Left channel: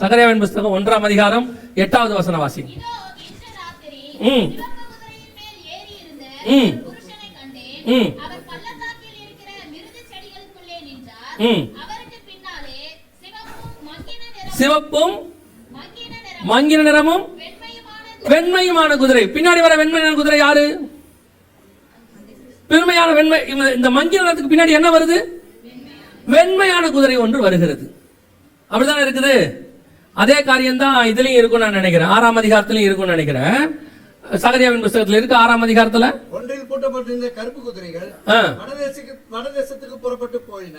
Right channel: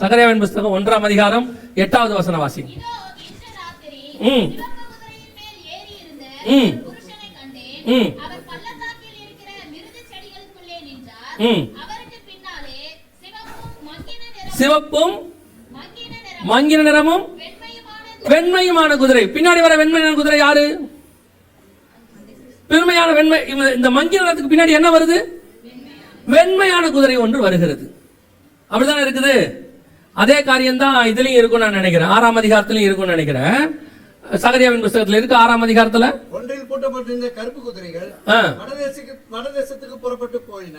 சகரியாவின் புஸ்தகம் 1ஆம் அதிகாரம் 8வது வசனம் வாசி. சிவப்பும் மங்கின நிறமும் வெண்மையுமான குதிரை. பின்னாடி வர வெண்மையான குதிரை யாரு? பெருமையான வெண்மை. இந்த மங்கின நிறத்துக்கு பின்னாடி என்ன வருது? வெண்மையான குதிரை ஒன்று வருகிறது. அப்படிதான் இருக்குது. அதே காரியம் தான் இதுலயும் இருக்கும் நான் நினைக்கிறேன். 6ஆம் அதிகாரத்திலும் இருக்கும் நினைக்கிறேன். சகரியாவின் புஸ்தகத்தில் இருக்கு 6ஆம் அதிகாரத்துல. ஒன்றில் பூட்டப்பட்டிருந்த கருப்பு குதிரைகள் வடதேசத்துக்கு புறப்பட்டு போயின.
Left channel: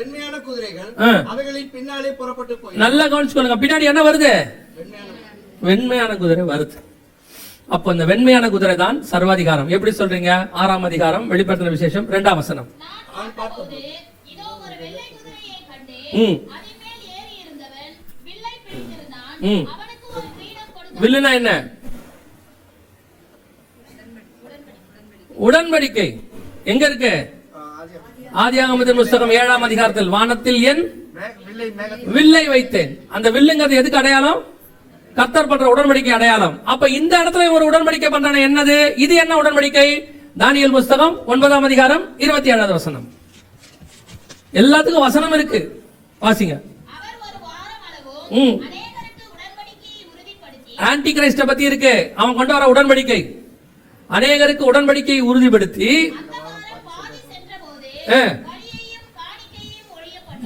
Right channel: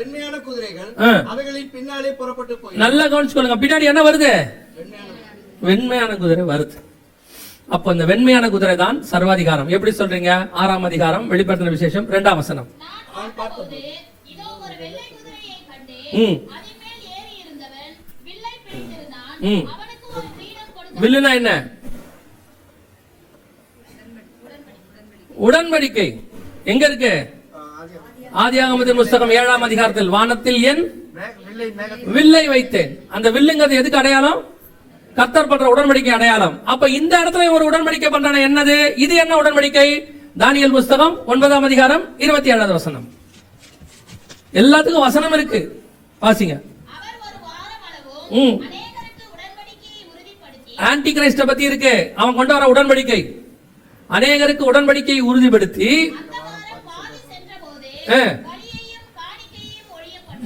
வெண்மையான குதிரைகள் அவைகளின் பின்னாலே புறப்பட்டு போயின. நல்லா கவனிச்சுக்கொள்ளுங்க. பின்னாடி என்ன வருது? வெண்மையான குதிரை வருது. அப்போ இந்த வெண்மையான குதிரை தான் சர்வாதிகாரம். எப்படி சொல்றீங்க? 6ஆம் அதிகாரம் வெளிப்படுத்தின விசேஷம் 2ஆம் வசனம். வில்லுனா என்ன? உடன்படிக்கை. எங்க இருக்கு? ஆதியாகமத்தின் புஸ்தகம் 7ஆம் அதிகாரத்தில் வானத்தில் என் வில்லை வைத்தேன். அந்த வில்லுங்கிறது எதுக்கு அடையாளம்? கர்த்தர் பண்ற உடன்படிக்கை அடையாளம். அப்ப இந்த இடத்துல ஒரு உடன்படிக்கை பண்றான. என்னது இது? என்ன உடன்படிக்கை? தானியேல் புஸ்தகம் 9ஆம் அதிகாரம் 27வது வசனம். எல்லாத்துக்கும் வசனம் இருக்கு, வாசிங்க. ஆன்டி கிரைஸ்ட பத்தி இருக்கு. அவன் கொண்டு வர உடன்படிக்கை அநேகருக்கு உடன்படிக்கையை உறுதிப்படுத்தி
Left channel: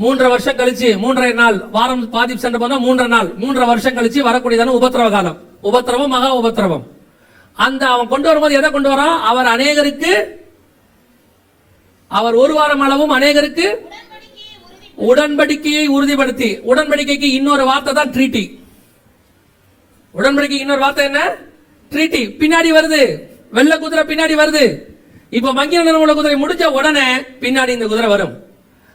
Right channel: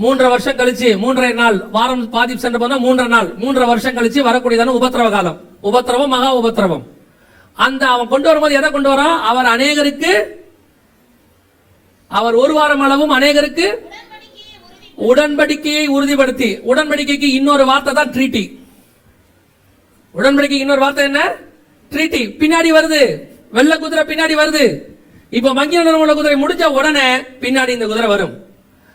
3 வருஷம் கழிச்சு 3.5 நாள் வாரம் பாதி சென்ற போனா 3 நாள் 3 வருஷம் கழிச்சு வரக்கூடியதான உபத்திரவ காலம். உபத்திரவம், மகா உபத்திரவம். அந்த அவன் கொண்டு வரும்போது எதை கொண்டு வரான்? அவர் அநேகருக்கு, அவர் 1 வாரம் அளவும் அநேகருக்கு உடன்படிக்கையை உறுதிப்படுத்தி. உடன்படிக்கைக்கு இன்னொரு வார்த்தை தான் ட்ரீட்டி. உடன்படிக்கைக்கு இன்னொரு வார்த்தை என்ன? ட்ரீட்டி. பின்னாடி வருது வெள்ளை குதிரை, பின்னாடி வருது. இப்ப மங்கின நிறம் உள்ள குதிரை முடிஞ்ச உடனே பின்னாடி இந்த குதிரை வரும்.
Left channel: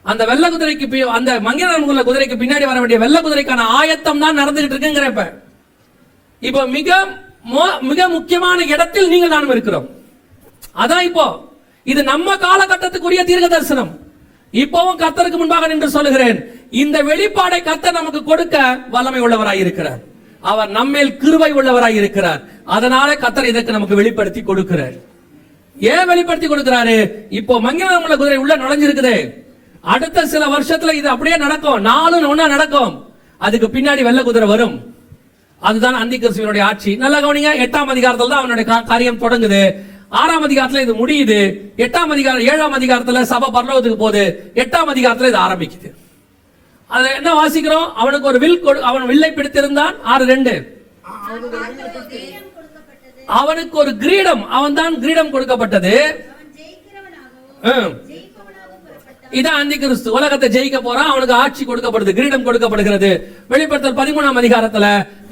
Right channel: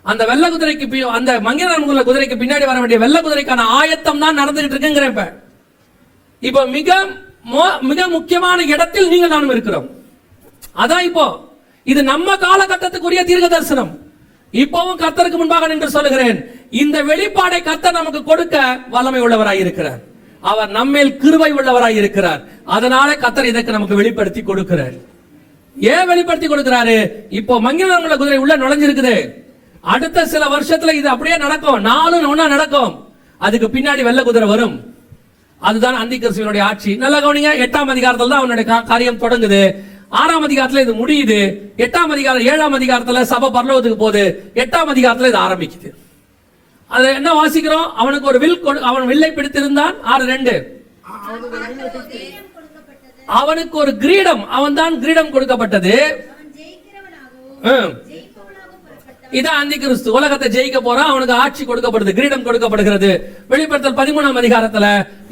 அந்த வெள்ளை குதிரைக்கு, அந்த மங்கின நிறம் உள்ள குதிரைக்கு பின்னாடி வர வேண்டிய வெள்ளை குதிரைக்கான ஆயத்தம் தான் நடந்துகிட்டு இருக்குங்கிறப்ப இப்போ மிக முக்கியமான இடத்தில் நீங்கள் நானும் இருக்கிறோம். அதான் இப்போ இது நம்ம காலகட்டத்துக்குரிய தீர்க்க தரிசனம். இப்பவும் கர்த்தருக்கு முன்பாக நின்று சொல்லுகிறேன், இந்த வெளிப்பாடை கர்த்தர் நமக்கு கொடுக்க வல்லமை உள்ளவராய் இருக்கிறார். அவர் நம்மேல் கிருபை உள்ளவராய் இருக்கிறார். அதனால கர்த்தர் இதற்கு நமக்கு வெளிப்படுத்தி கொடுக்கிறார். ஏன் வெளிப்படுத்தி கொடுக்கிறாரு? இப்போ மங்கின நிறம் உள்ள குதிரை உள்ள நுழைஞ்சிருக்குது. அடுத்த சில வருஷத்துல இது அப்படியே நடக்கும். 4 ஒண்ணா நடக்கும். அதுக்கு பின்னாடி வெள்ளை குதிரை வரும். அதுதான் அந்தி கிறிஸ்துவினுடைய ஆட்சி. நல்லா கவனிங்க. 8ஆம் அதிகாரத்துல தான் அவனுடைய காரியம் தொடங்குது. 6ஆம் அதிகாரத்துல இது முடியுது. 8ஆம் அதிகாரம் 7ஆம் அதிகாரத்துல சபை பரலோகத்துக்கு போகுது. 8ஆம் அதிகாரத்துல இது ஆரம்பிக்குது. அது என்ன வாசிக்கிறோம்? அவனுக்கு ஒரு வில், அவன் வில்லை பிடித்திருந்தான். 6:2 அவனுக்கு ஒரு கிரீடம், அவன் தான் கிரீடம் கொடுக்கப்பட்டது. இதான் அந்தி கிறிஸ்து. உலகத்தை ஜெயிக்க போறான். அவனுக்கு ஆட்சி கொடுக்கப்படுது, கிரீடம் கொடுக்கப்படுகிறது. வெளிப்படுத்தல் 13ஆம் அதிகாரத்துல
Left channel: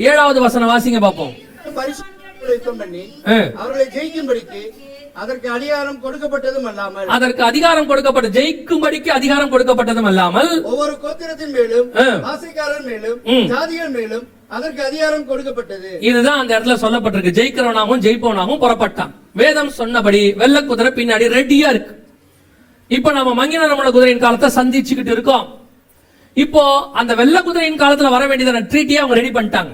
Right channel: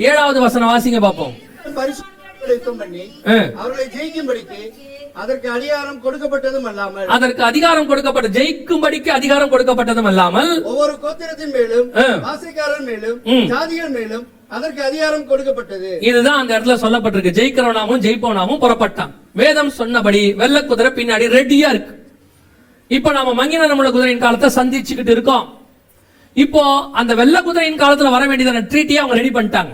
7வது வசனம் வாசிங்க பாப்போம். அவர்களை ஜெயிக்கும்படிக்கு அதற்கு அதிகாரம் கொடுக்கப்பட்டதும் அல்லாமல், அதற்கு அதிகாரம் கொடுக்கப்பட்ட, ஜெயிக்கும்படிக்கு அதிகாரம் கொடுக்கப்பட்டதும் அல்லாமல், ஒவ்வொரு கோத்திரத்தின் மேலும் ஆசைக்காரன் மேலும் ஜாதிகள் மேலும் அதற்கு அதிகாரம் கொடுக்கப்பட்டது. இதுதான் அந்த இடத்துல சொல்லப்பட்டிருக்கு. ஜெயிக்கிறவனாவும் ஜெயிப்பவனாவும் புறப்பட்டான். வேதம் சொன்னபடி வெள்ளை குதிரை பின்னாடி ரெடியா இருக்கு. இப்ப நம்ம மங்கின நிறம் குதிரையின் காலத்தை சந்திச்சுக்கிட்டு இருக்கோம். இப்போ அந்த வெள்ளை குதிரையின் காலத்துல வர வேண்டியதான ட்ரீட்டியை அவங்க ரெடி பண்ணிட்டாங்க.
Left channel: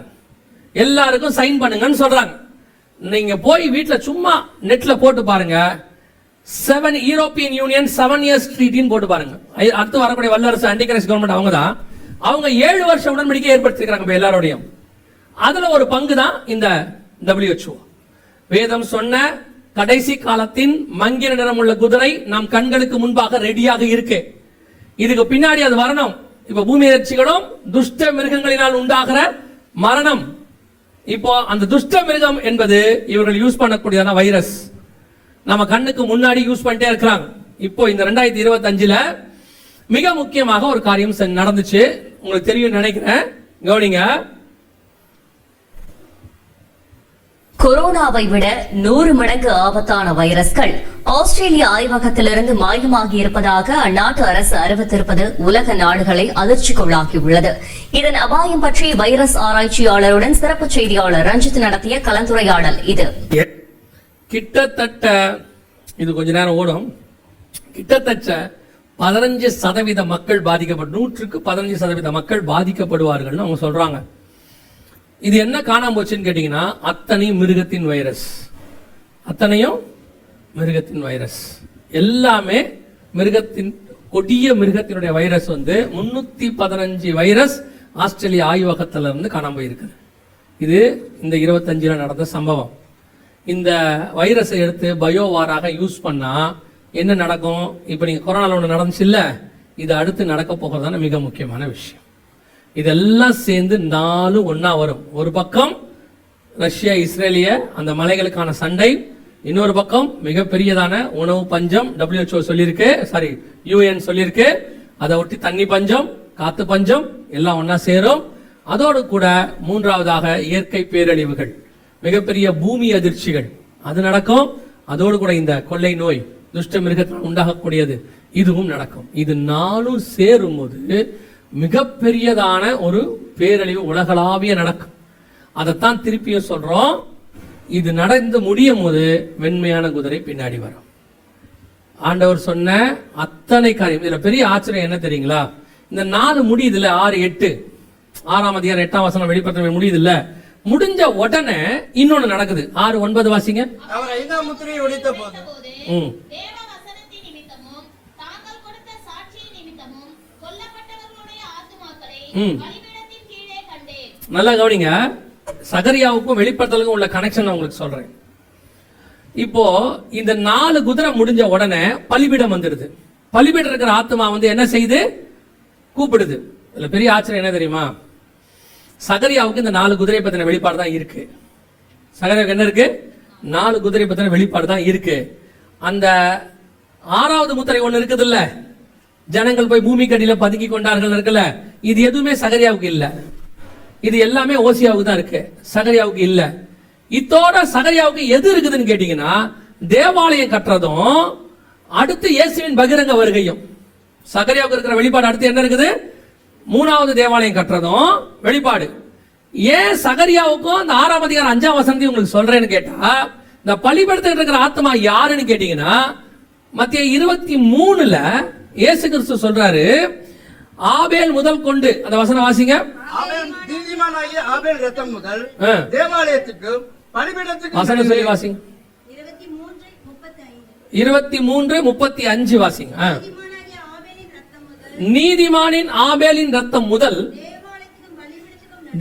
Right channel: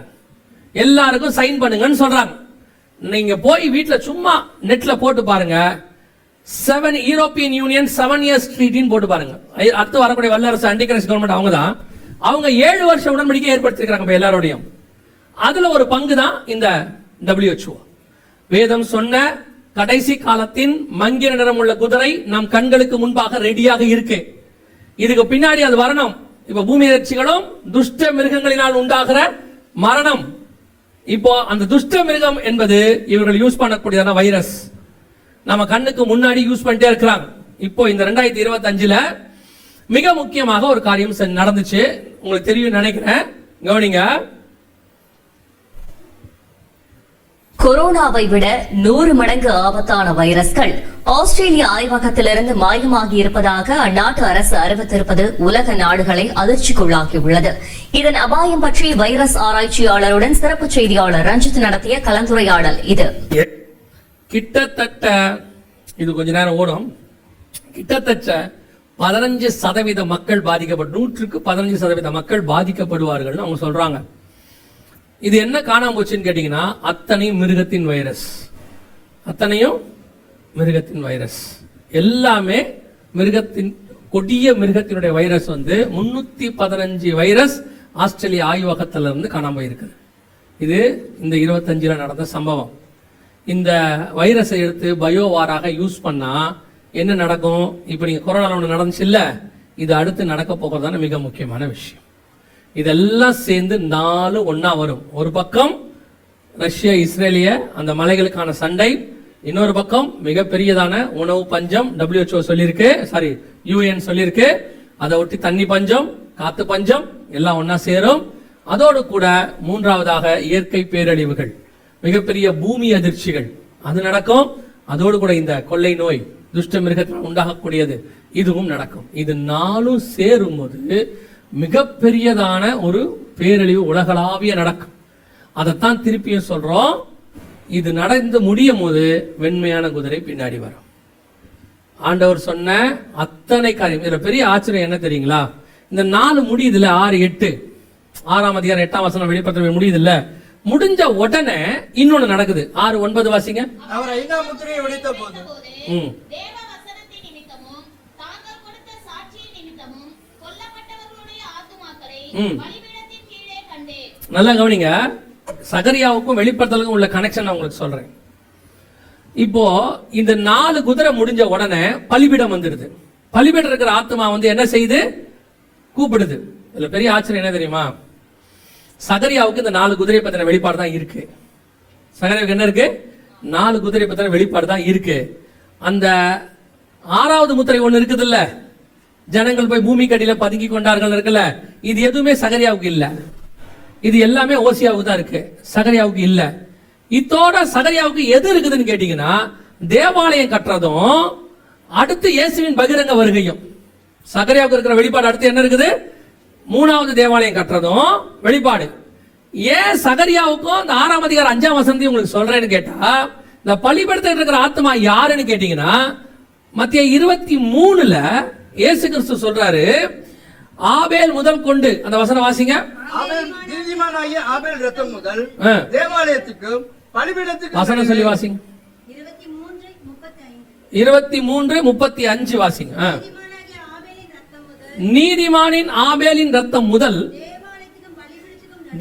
எல்லாருக்கும் சைன் பண்ணுங்கன்னு சொல்றாங்க. நீங்க போய் வீட்டுல சும்மா நெட்ல போட்டு பாருங்க. 7 யூரோப்பியன் யூனியன் 7 இயர்ஸ் ட்ரீட்டின்னு போட்டு பாருங்க. அடுத்து வரக்கூடிய வல்லரசு ஆன்டிகிரைஸ்ட் கவர்மெண்ட் அவங்க 7 வருஷ உடன்படிக்கை ஏற்படுத்திருக்காங்க எல்லாரோடையும். அதுல ஒரு பங்கு தான் இந்த WHO. வேதம் சொன்ன கடைசி காலத்தின் மங்கின நிறம் உள்ள குதிரை நம் கண்களுக்கு முன்பாக ரெடியாக இருக்கு. இதுக்கு பின்னாடி அது வரணும். இப்ப பூமி எதிர்ச்சிகளும் துஷ்ட மிருகங்களினால் உண்டாகிற மரணம். இப்போ அந்த துஷ்ட மிருகம் என்பது இவர்கள் யூஸ் பண்ணக்கூடியதான வைரஸ் நம்ம கண்ணுக்கு முன்னாடி யூஸ் பண்ணிட்டே இருக்கிறாங்க. இப்போ இந்த 2025ல மிக முக்கியமாக ஒரு காரியம் நடந்துச்சு. உங்களுக்கு தெரியும் நினைக்கிறேன். கவனிங்க. கொரோனாவை விட 100 மடங்கு ஆபத்தான வைரஸ்கள் ஆஸ்திரேலிய ஆய்வகத்திலிருந்து மாயமாகி இருப்பதாக அந்நாட்டு அரசு அறிவித்திருப்பது உலக நாடுகளை அதிர்ச்சிக்குள்ளாகியுள்ளது. இதன் அபாயம் பற்றி வைரஸ் ஆராய்ச்சியாளருடன் சிறப்பு செய்தியாளர் ரஞ்சித் நடத்திய கலந்துரையாடல் இது. கிட்டத்தட்ட இது கொஞ்ச நேரம் ஓடும். கிட்டத்தட்ட 15% மக்கள் பாதிக்கப்படும், 100க்கு 15% மக்கள் பாதிக்கப்படுவார்கள் அவங்க சொல்றாங்க. இது என்ன காணாம போச்சுன்னு கேட்டீங்கன்னா, அத்தனையும் மிருகத்தின் வைரஸ், அத்தனையும் மிருகத்தின் வைரஸ், எல்லாமே மிருகத்தின் கொடிய மிருகத்தினுடைய வைரஸ் 315 வைரஸ் ஆஸ்திரேலியா ஆய்வகத்துல இருந்து காணாம போயிருக்குது. இது இந்த 25ல நடந்த சம்பவம். இந்த வைரஸை எடுத்து பயோவாராக யூஸ் பண்ணா என்ன நடக்கும்? இப்ப நீங்க கொரோனால ஒன்று நடந்துச்சு இல்ல, இது அடுத்து நடக்க போகிறதான மிக முக்கியமான விஷயம். இதெல்லாம் சேர்ந்து 4 ஒன்னா வரும். ஒரு பக்கம் ரஷ்யா இஸ்ரேலிய அந்த மலைகளுக்கான சண்டை, இன்னொரு பக்கம் மிகப்பெரியதான உணவு பஞ்சம், WHO சொல்லியிருக்கு, சாரி UN சொல்லியிருக்கு, அதை ஒட்டி தண்ணி பஞ்சம், காத்து பஞ்சம் எல்லாம் ஒன்னா சேரும். அதோடு கூட மூன்றாவதாக இயற்கை பேரழிவுகள், மிகப்பெரிய பூமி அதிர்ச்சிகள் அது நடக்கும். அதோடு கூட இந்த கொள்ளை நோய், துஷ்ட மிருகத்தால் உண்டாகக்கூடியது, இதுவும் நடக்கும். இது 4 சேரும் போது மிகப்பெரியதான ஒரு பேரழிவு உலகளாவிய நடக்கும். அதைத்தான் திருப்பியும் சொல்றோம். இது நடந்து முடியும் போது வெண்மையான குதிரை பின்னாடி வரும். ஆண்டவர் சொன்ன அத்தனை காரியம். இதுல பெரிய ஆச்சரியம் என்ன தெரியுங்களா? இந்த 4 முடியுதுல, 6, 8, 6ஆம் அதிகாரம் 8ஆம் வசனம் வெளிப்படுத்த முடியுது இல்ல, முடிஞ்ச உடனே இன்னொன்னு நடக்குது. 6, 9 வாசிங்க. அவர் 5ஆம் முத்திரையை உடைத்த போது தேவ வசனத்தின் நிமித்தமும் தாங்கள் கொடுத்த சாட்சியின் நிமித்தமும் கொல்லப்பட்டவர்களுடைய ஆத்துமாக்களை பலிபீடத்தின் கீழே கண்டேன். நல்லா கவனிங்க, சகரியாவுக்கும் வெளிப்படுத்தலுக்கும் உள்ள கனெக்ஷன் நான் உங்களுக்கு சொல்றேன். இப்போ இந்த 4 குதிரை முடிஞ்ச உடனே பலிபீடம் வந்துடுது. பலிபீடம் இருக்கிற ஆத்மா என்ன செய்யுது? கூப்பிடுது. இதுல பெரிய ஆச்சரியம் என்ன தெரியுமா? சகரியாவுக்கு இந்த 4 குதிரை பத்தின வெளிப்பாடு தான் இருக்கு. சகரியாவுக்கு என்ன இருக்கு? 4 குதிரை பத்தின வெளிப்பாடு தான் இருக்கு. அந்த 6வது முத்திரை ஒண்ணு இருக்குது இல்ல, ஜனங்கள் போய் பூமி கடியில பதுக்கி கொண்டார்கள் இருக்குல்ல, இது எதுவுமே சகரியாவுக்கு இல்ல. இது எல்லாமே ஓசியாவுக்கு தான் இருக்கு, சகரியாவுக்கு இல்ல. இத்தோட சகரியாவுக்கு எது இருக்குதுன்னு கேட்டீங்கன்னா, தேவாலயம் கட்டுறதும் அடுத்து இயேசுவின் பகிரங்க வருகையும். சகரியாவுக்கு இருக்கிற வெளிப்பாடு அடுத்து என்ன இருக்குது? 3வது தேவாலயம் கட்டுறதும் வெளிப்பாடு. ஏன் சகரியாவுக்கும் அந்த 6ஆம் அதிகாரம் 5ஆம் வசனத்தையும் உங்களுக்கு சொல்றேன்னு கேட்டா, இந்த பலிபீடத்தில் இருக்கிற ஆத்மா யாருன்னு கேட்டீங்கன்னா, மத்திய 23ல இயேசு கிறிஸ்து சொல்றாரு, ஆபேல் முதல் கொண்டு, அந்த வசனம் வாசிங்க. ஆபேல் நீதிமானாகிய ஆபேல் இரத்தம் முதல் தேவாலயத்துக்கும் பலிபீடத்துக்கும் வசனம் சொல்லி வாசிங்க. 23:35 வாசிங்க. நீதிமானின் ஆபேலின் ரத்தம் முதல்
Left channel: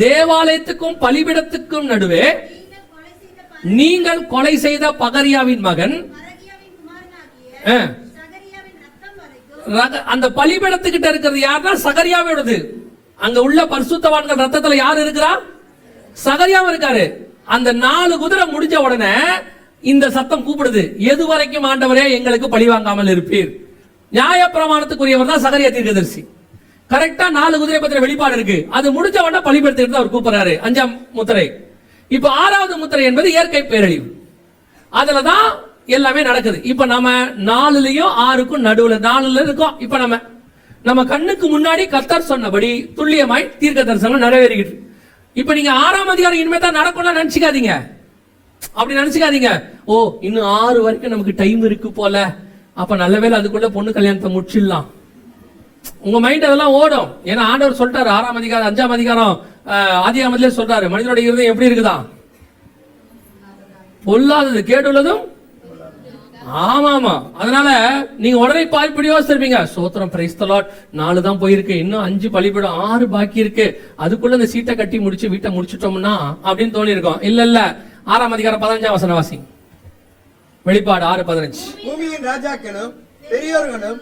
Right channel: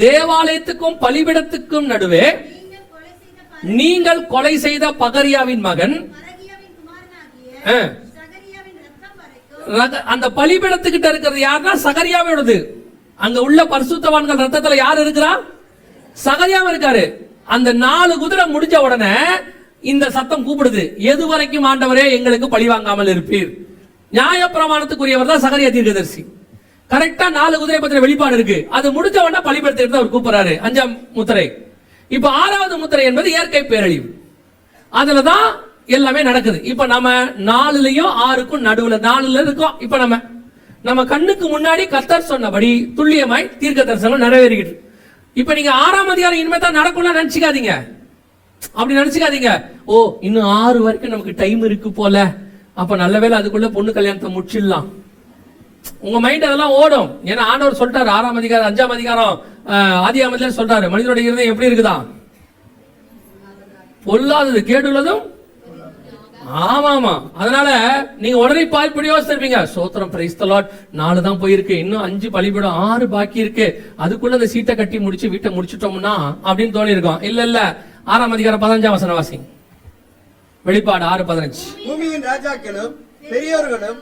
தேவாலயத்துக்கும் பலிபீடத்துக்கும் நடுவே நீங்கள் கொலை செய்த பகரியாவின் மகன் அந்த பலிபீடத்துக்கிட்ட இருக்கிறது யாருன்னா சகரியாவோடது. அங்க உள்ள பரிசுத்தவான்கள் ரத்தத்துல யார் இருக்கிறா? சகரியாவும் இருக்காரு. அந்த 4 குதிரை முடிஞ்ச உடனே இந்த சத்தம் கூப்பிடுது, எது வரைக்கும் ஆண்டவரே எங்களுக்கு பழி வாங்காமல் இருப்பீர்? நியாய பிரமாணத்துக்குரியவர் தான் சகரியா தீர்க்கதரிசி. கரெக்டா 4 குதிரை பத்தின வெளிப்பாடு இருக்கு. அது முடிஞ்ச உடனே பலிபீடத்துக்கு அவர் கூப்பிடுறாரு. 5ஆம் முத்திரை. இப்ப 6வது முத்திரை என்பது இயற்கை பேரழிவு. அதுலதான் எல்லாமே நடக்குது. இப்ப நம்ம 4லயும் 6க்கும் நடுவுல 4ல இருக்கோம். இப்ப நம்ம கண்ணுக்கு முன்னாடி கர்த்தர் சொன்னபடி துல்லியமாய் தீர்க்க தரிசனம் நிறைவேறிக்கிட்டு. இப்ப நீங்க 6ஆம் அதிகாரம் இனிமே தான் நடக்கும்னு நினைச்சுக்காதீங்க. அப்படி நினைச்சுக்காதீங்க. ஓ, இன்னும் 6 வரைக்கும் நமக்கு டைம் இருக்கு போல, அப்ப நல்லவேளை அதுக்குள்ள பொண்ணு கல்யாணத்தை முடிச்சிடலாம். உங்க மைண்ட் அதெல்லாம் ஓடும். ஏன்னா ஆண்டவர் சொல்லிட்டாரு 6ஆம் அதிகாரம் 5ஆம் அதிகாரம் ஆதியாகமத்திலே சொல்றாரு, மனிதனுடைய இருதயம் எப்படி இருக்குதான்? பொல்லாதது கேடுள்ளதும். ஆமாமா. அதனால நீங்க உடனே இப்படி யோசிச்சிருப்பீங்க, சோத்திரம் பிரைஸ் தி லார்ட், 4 தான் போயிருக்கு, இன்னும் 5 பலிபீடம் 6 பாக்கி இருக்கு, அதுக்குள்ள அந்த சீட்டை கட்டி முடிச்சு வீட்டை முடிச்சிட்டோம்னா அப்படின்னு தோணி இருக்கும். இல்ல 6ஆம் அதிகாரம் 15ஆம் வசனம் வாசிங்க. வெளிப்பாடு 6:15. பூமியின் ராஜாக்களும் பெரியோர்களும்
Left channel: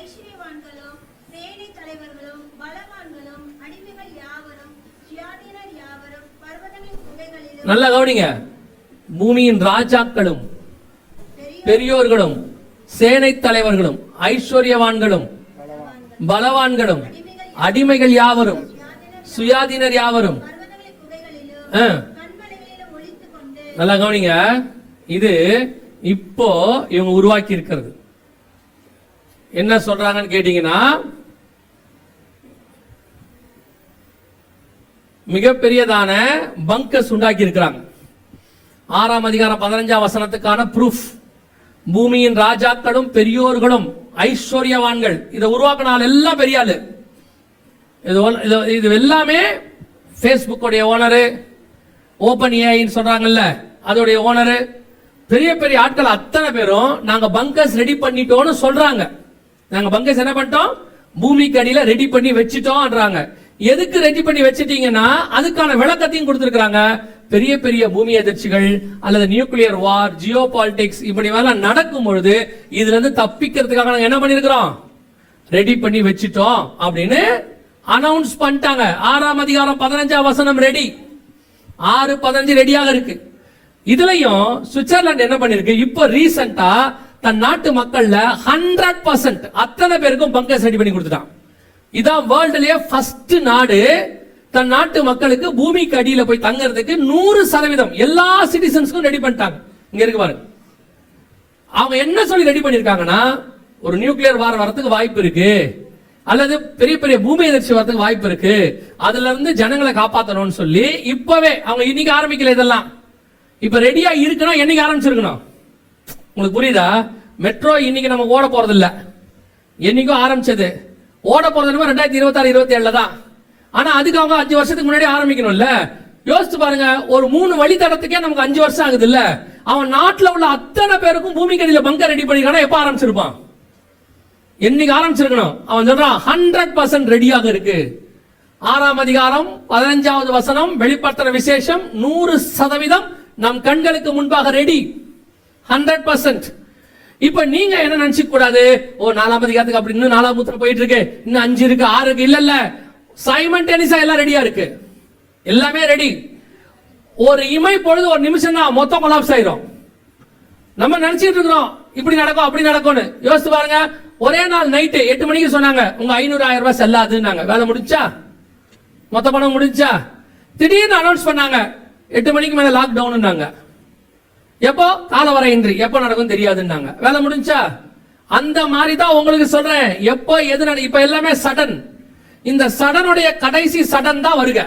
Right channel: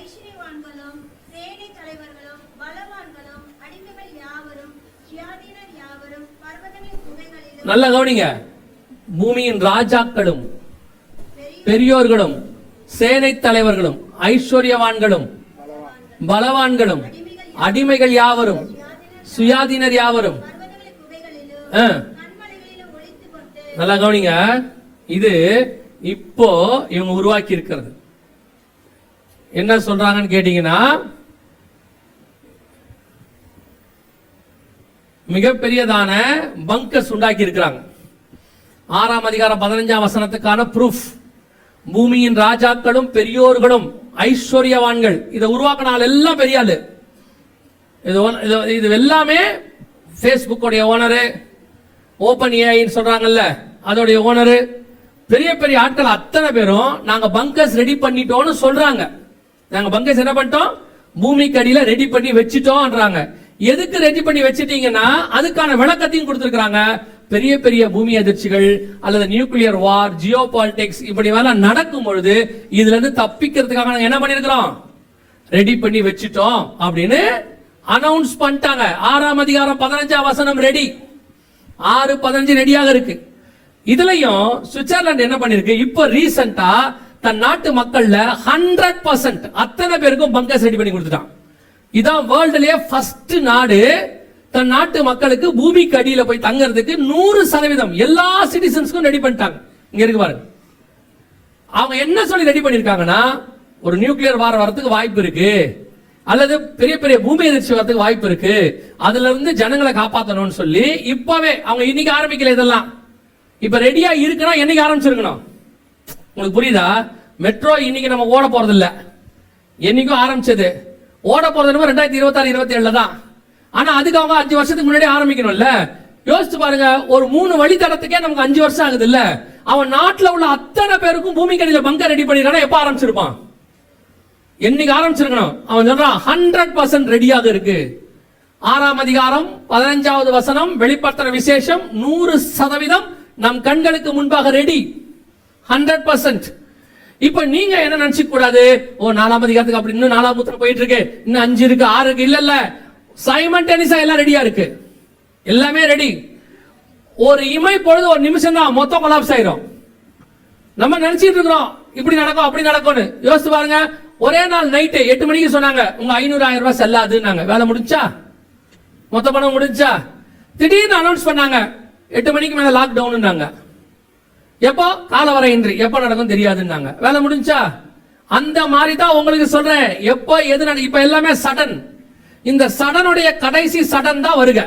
ஐஸ்வர்யவான்களும் சேனை தலைவர்களும் பலவான்களும் அடிமைகள் யாவரும் சுயாதீனர் யாவரும் பர்வதங்களின் குகைகளிலும். நல்லா கவனிங்க, பூமியின் ராஜாக்களும் பெரியோர்களும் சேனை தலைவர்களும் ஐஸ்வர்யவான்களும் பலவான்களும் அடிமைகள் யாவரும் சுயாதீனர் யாவரும். நல்லா கவனிங்க, இது இப்போ இவங்க உருவாக்கி இருக்கிறது. என்ன சொல்றாங்கன்னு கேட்டீங்கன்னா, மிகப்பெரியதான பங்கர்ஸ் உண்டாக்கி இருக்கிறாங்க. 6ஆம் அதிகாரம் 15ஆம் வசனத்துக்கான ப்ரூஃப். பூமியின் ராஜாக்களும் பெரியோர்களும் ஐஸ்வர்யவான்கள் இதை உருவாக்கினால எல்லாம் பெரிய ஆளு. இது எல்லாமே ஃபேஸ்புக்கோடைய ஓனரு, ஓபன் ஏஐ சொல்றாங்கல்ல அதோடைய ஓனரு, பெரிய பெரிய ஆட்கள் அத்தனை பேரும் நாங்க பங்கர்ஸ் ரெடி பண்ணிட்டோம்னு சொல்றாங்க. நாங்க பங்கர்ஸ் என்ன பண்ணிட்டோம், பூமிக்கு அடியில ரெடி பண்ணி வச்சிட்டோம்ன்றாங்க. எதுக்கு ரெடி பண்ணி வச்சிட்டீங்கன்னா அதுக்கான விளக்கத்தையும் கொடுத்திருக்காங்க. பெரிய பெரிய பூமி அதிர்ச்சிகள் அல்லது நியூக்ளியர் வார், ஜியோ பாலிடிக்ஸ் இப்படி எல்லாம் நடக்கும் பொழுது இதுல இருந்து தப்பிக்கிறதுக்காக நாங்க என்ன பண்ணிருக்கிறோம், ரெடி பண்ணி வச்சிட்டோம் அப்படின்னு அனௌன்ஸ் பண்ணிட்டாங்க. 6ஆம் அதிகாரம் 15ஆம் வசனம் ரெடி, 6:15 ரெடியாக இருக்கு. இதுலயும் சுவிட்சர்லாந்து என்ன பண்ணிருக்கு, இப்போ ரீசெண்டா தன் நாட்டு மக்கள்ல 100% அத்தனை பேருக்கும் பங்கர்ஸ் ரெடி பண்ணி கொடுத்துட்டான். இதான் வேர்ல்டுலயே ஃபர்ஸ்ட் நாடு தன் நாட்டு மக்களுக்கு பூமிக்கு அடியில போய் தங்கறதுக்கு 100% எல்லா சிட்டிசன்ஸ்க்கும் ரெடி பண்ணிட்டாங்க. இங்க இருக்கு பாருங்க, அவங்க என்ன சொல்லி ரெடி பண்ணிருக்காங்கன்னா, ஒரு நியூக்ளியர் வார் வரதுக்கு வாய்ப்பு இருக்கு, அல்லது பெரிய பெரிய பூமி எதிர்ச்சி வரதுக்கு வாய்ப்பு இருக்கு, அதுல இருந்து ஜனங்களை காப்பாற்றணும்னு சொல்லி இப்பவே அவங்க இன்னைக்கு ஆரம்பிக்கல. இதெல்லாம் இப்ப ரெடியா இருக்கணும், என்னைக்கு ஆரம்பிச்சிருக்கணும் உங்களுக்கு புரியுதா? மெட்ரோ இன்னைக்கு நம்ம ஓட போறது இல்ல, என்னைக்கும் ஆரம்பிச்சது. ஓட போறது 2026-27 தான். ஆனா அதுக்கு அவங்க 5 வருஷத்துக்கு முன்னாடி ஆரம்பிக்கணும்ல. யோசிச்சு பாருங்க, ஒரு 3 வழித்தடத்துக்கே நமக்கு 5 வருஷம் ஆகுது இல்ல. அவன் நாட்டுல உள்ள அத்தனை பேருக்கும் பூமிக்கு அடியில பங்கர் ரெடி பண்ணிருக்கானா எப்ப ஆரம்பிச்சிருப்பான், என்னைக்கு ஆரம்பிச்சிருக்கணும். அவன் சொல்றான் 100% ரெடியாக இருக்கு. 6ஆம் அதிகாரம் 15வது வசனம் வெளிப்படுத்துற விசேஷம் 100% நம் கண்களுக்கு முன்பாக ரெடி, 100%. இப்ப நீங்க என்ன நினைச்சுக்க கூடாது, ஓ 4ஆம் அதிகாரத்துக்கு அப்படி இன்னும் 4ஆம் முத்திரை போயிட்டு இருக்கு, இன்னும் 5 இருக்கு 6 இருக்கு. இல்ல இல்ல, சைமல்டேனியஸா எல்லாம் ரெடியா இருக்கு, எல்லாமே ரெடி. ஒரு இமை பொழுது ஒரு நிமிஷம் தான் மொத்தம் கொலாப்ஸ் ஆயிரும். நம்ம நினைச்சிட்டு இருக்கிறோம் இப்படி நடக்கும் அப்படி நடக்கும்னு. யோசிச்சு பாருங்க, ஒரே நாள் நைட்டு 8 மணிக்கு சொன்னாங்க உங்க 500,000 ரூபாய் செல்லாதுன்னாங்க. வேலை முடிச்சா, மொத்த பணம் முடிஞ்சா. திடீர்னு அனௌன்ஸ் பண்ணாங்க 8 மணிக்கு மேல லாக் டவுன்னாங்க. எப்போ, காலவரை இன்றி, எப்போ நடக்கும் தெரியாதுன்னாங்க. வேலை முடிஞ்சா. அந்த மாதிரி தான் உங்களுக்கு சொல்றேன், எப்போ எது இப்ப எல்லாமே சடன். இந்த சடனுடைய கடைசி சடன் தான் வருக,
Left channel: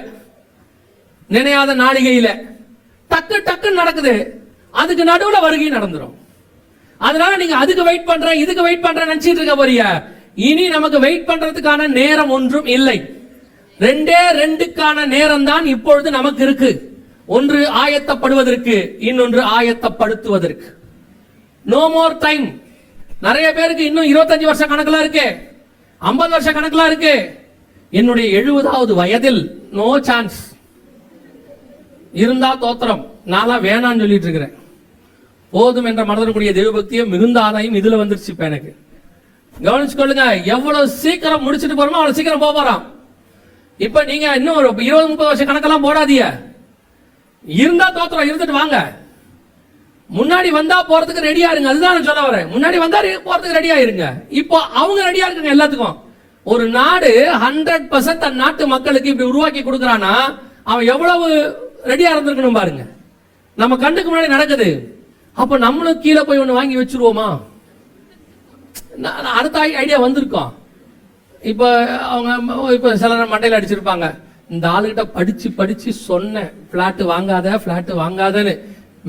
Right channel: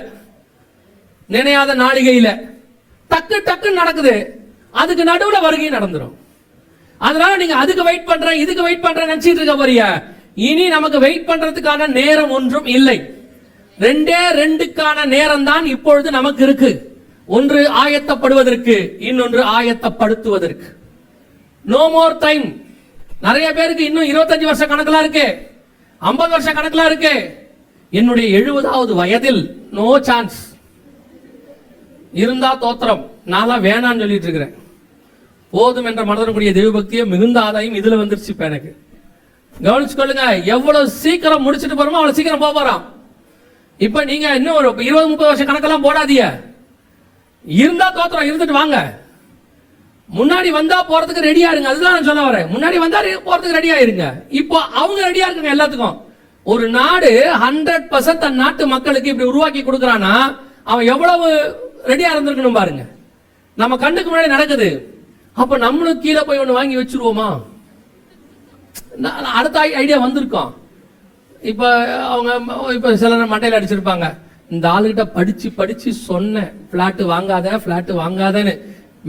நினையாத நாளிகையில டக்கு டக்கு நடக்குது. அதுக்கு நடுவுல வருகை நடந்துரும். அதனால நீங்க அதுக்கு வெயிட் பண்ற இதுக்கு வெயிட் பண்ற நினைச்சிட்டு இருக்க போறீங்க. இனி நமக்கு வெயிட் பண்றதுக்கான நேரம் ஒன்றும் இல்லை. 2க்கான நேரம் தான் இப்பொழுது நமக்கு இருக்கு. ஒன்று ஆயத்தப்படுவதற்கு, இன்னொன்று ஆயத்தப்படுத்துவதற்கு. No more time. நிறைய பேருக்கு இன்னும் 25 வருஷ கணக்கெல்லாம் இருக்கு, 50 வருஷ கணக்கெல்லாம் இருக்கு. என்னுடைய 70வது வயதில் நோ சான்ஸ். இருந்தா தோத்திரம், நான் வேணான்னு சொல்லிட்டு இருக்கிறேன். போதும் என்ற மனதனுடைய தெய்வபக்தியும் மிகுந்த ஆதாயம் இதுல வந்துருச்சு. இப்ப எனக்கு கவனிச்சுக்கொள்ளுங்க, எவ்வளவு சீக்கிரம் முடிச்சுட்டு போறோமோ அவ்வளவு சீக்கிரம் போறான். இப்ப நீங்க இன்னும் ஒரு 20-30 வருஷ கணக்கெல்லாம் போடாதீங்க. இருந்தா தோத்திரம், இருந்துட்டு வாங்க. முன்னாடி வந்தா போறதுக்கு ரெடியா இருங்க, அதுதான் நான் சொல்ல வரேன். முன்னாடி வந்தா போறதுக்கு ரெடியா இருங்க. இப்போ அவங்க ரெடியா இருக்காங்க எல்லாத்துக்கும். ஒரு நாடு 100% தன் நாட்டு மக்களுக்கு இப்படி உருவாக்கி கொடுக்கறானா அவன் எவ்வளவு ரெடியா இருந்திருக்கணும் பாருங்க. நம்ம கண்ணுக்கு முன்னாடி நடக்குது. அப்ப நம்மளும் கீழே போய் ஒண்ணு வாங்கி வச்சிருவோமா? அடுத்த ஐடியா வந்திருக்கோம். இப்ப அவங்க இப்ப சிலர் மண்டையில அடிச்சிருப்பாங்க, இந்த ஆளுகிட்ட படிச்சு படிச்சு சொன்னேன் பிளாட் வாங்காதன்னு.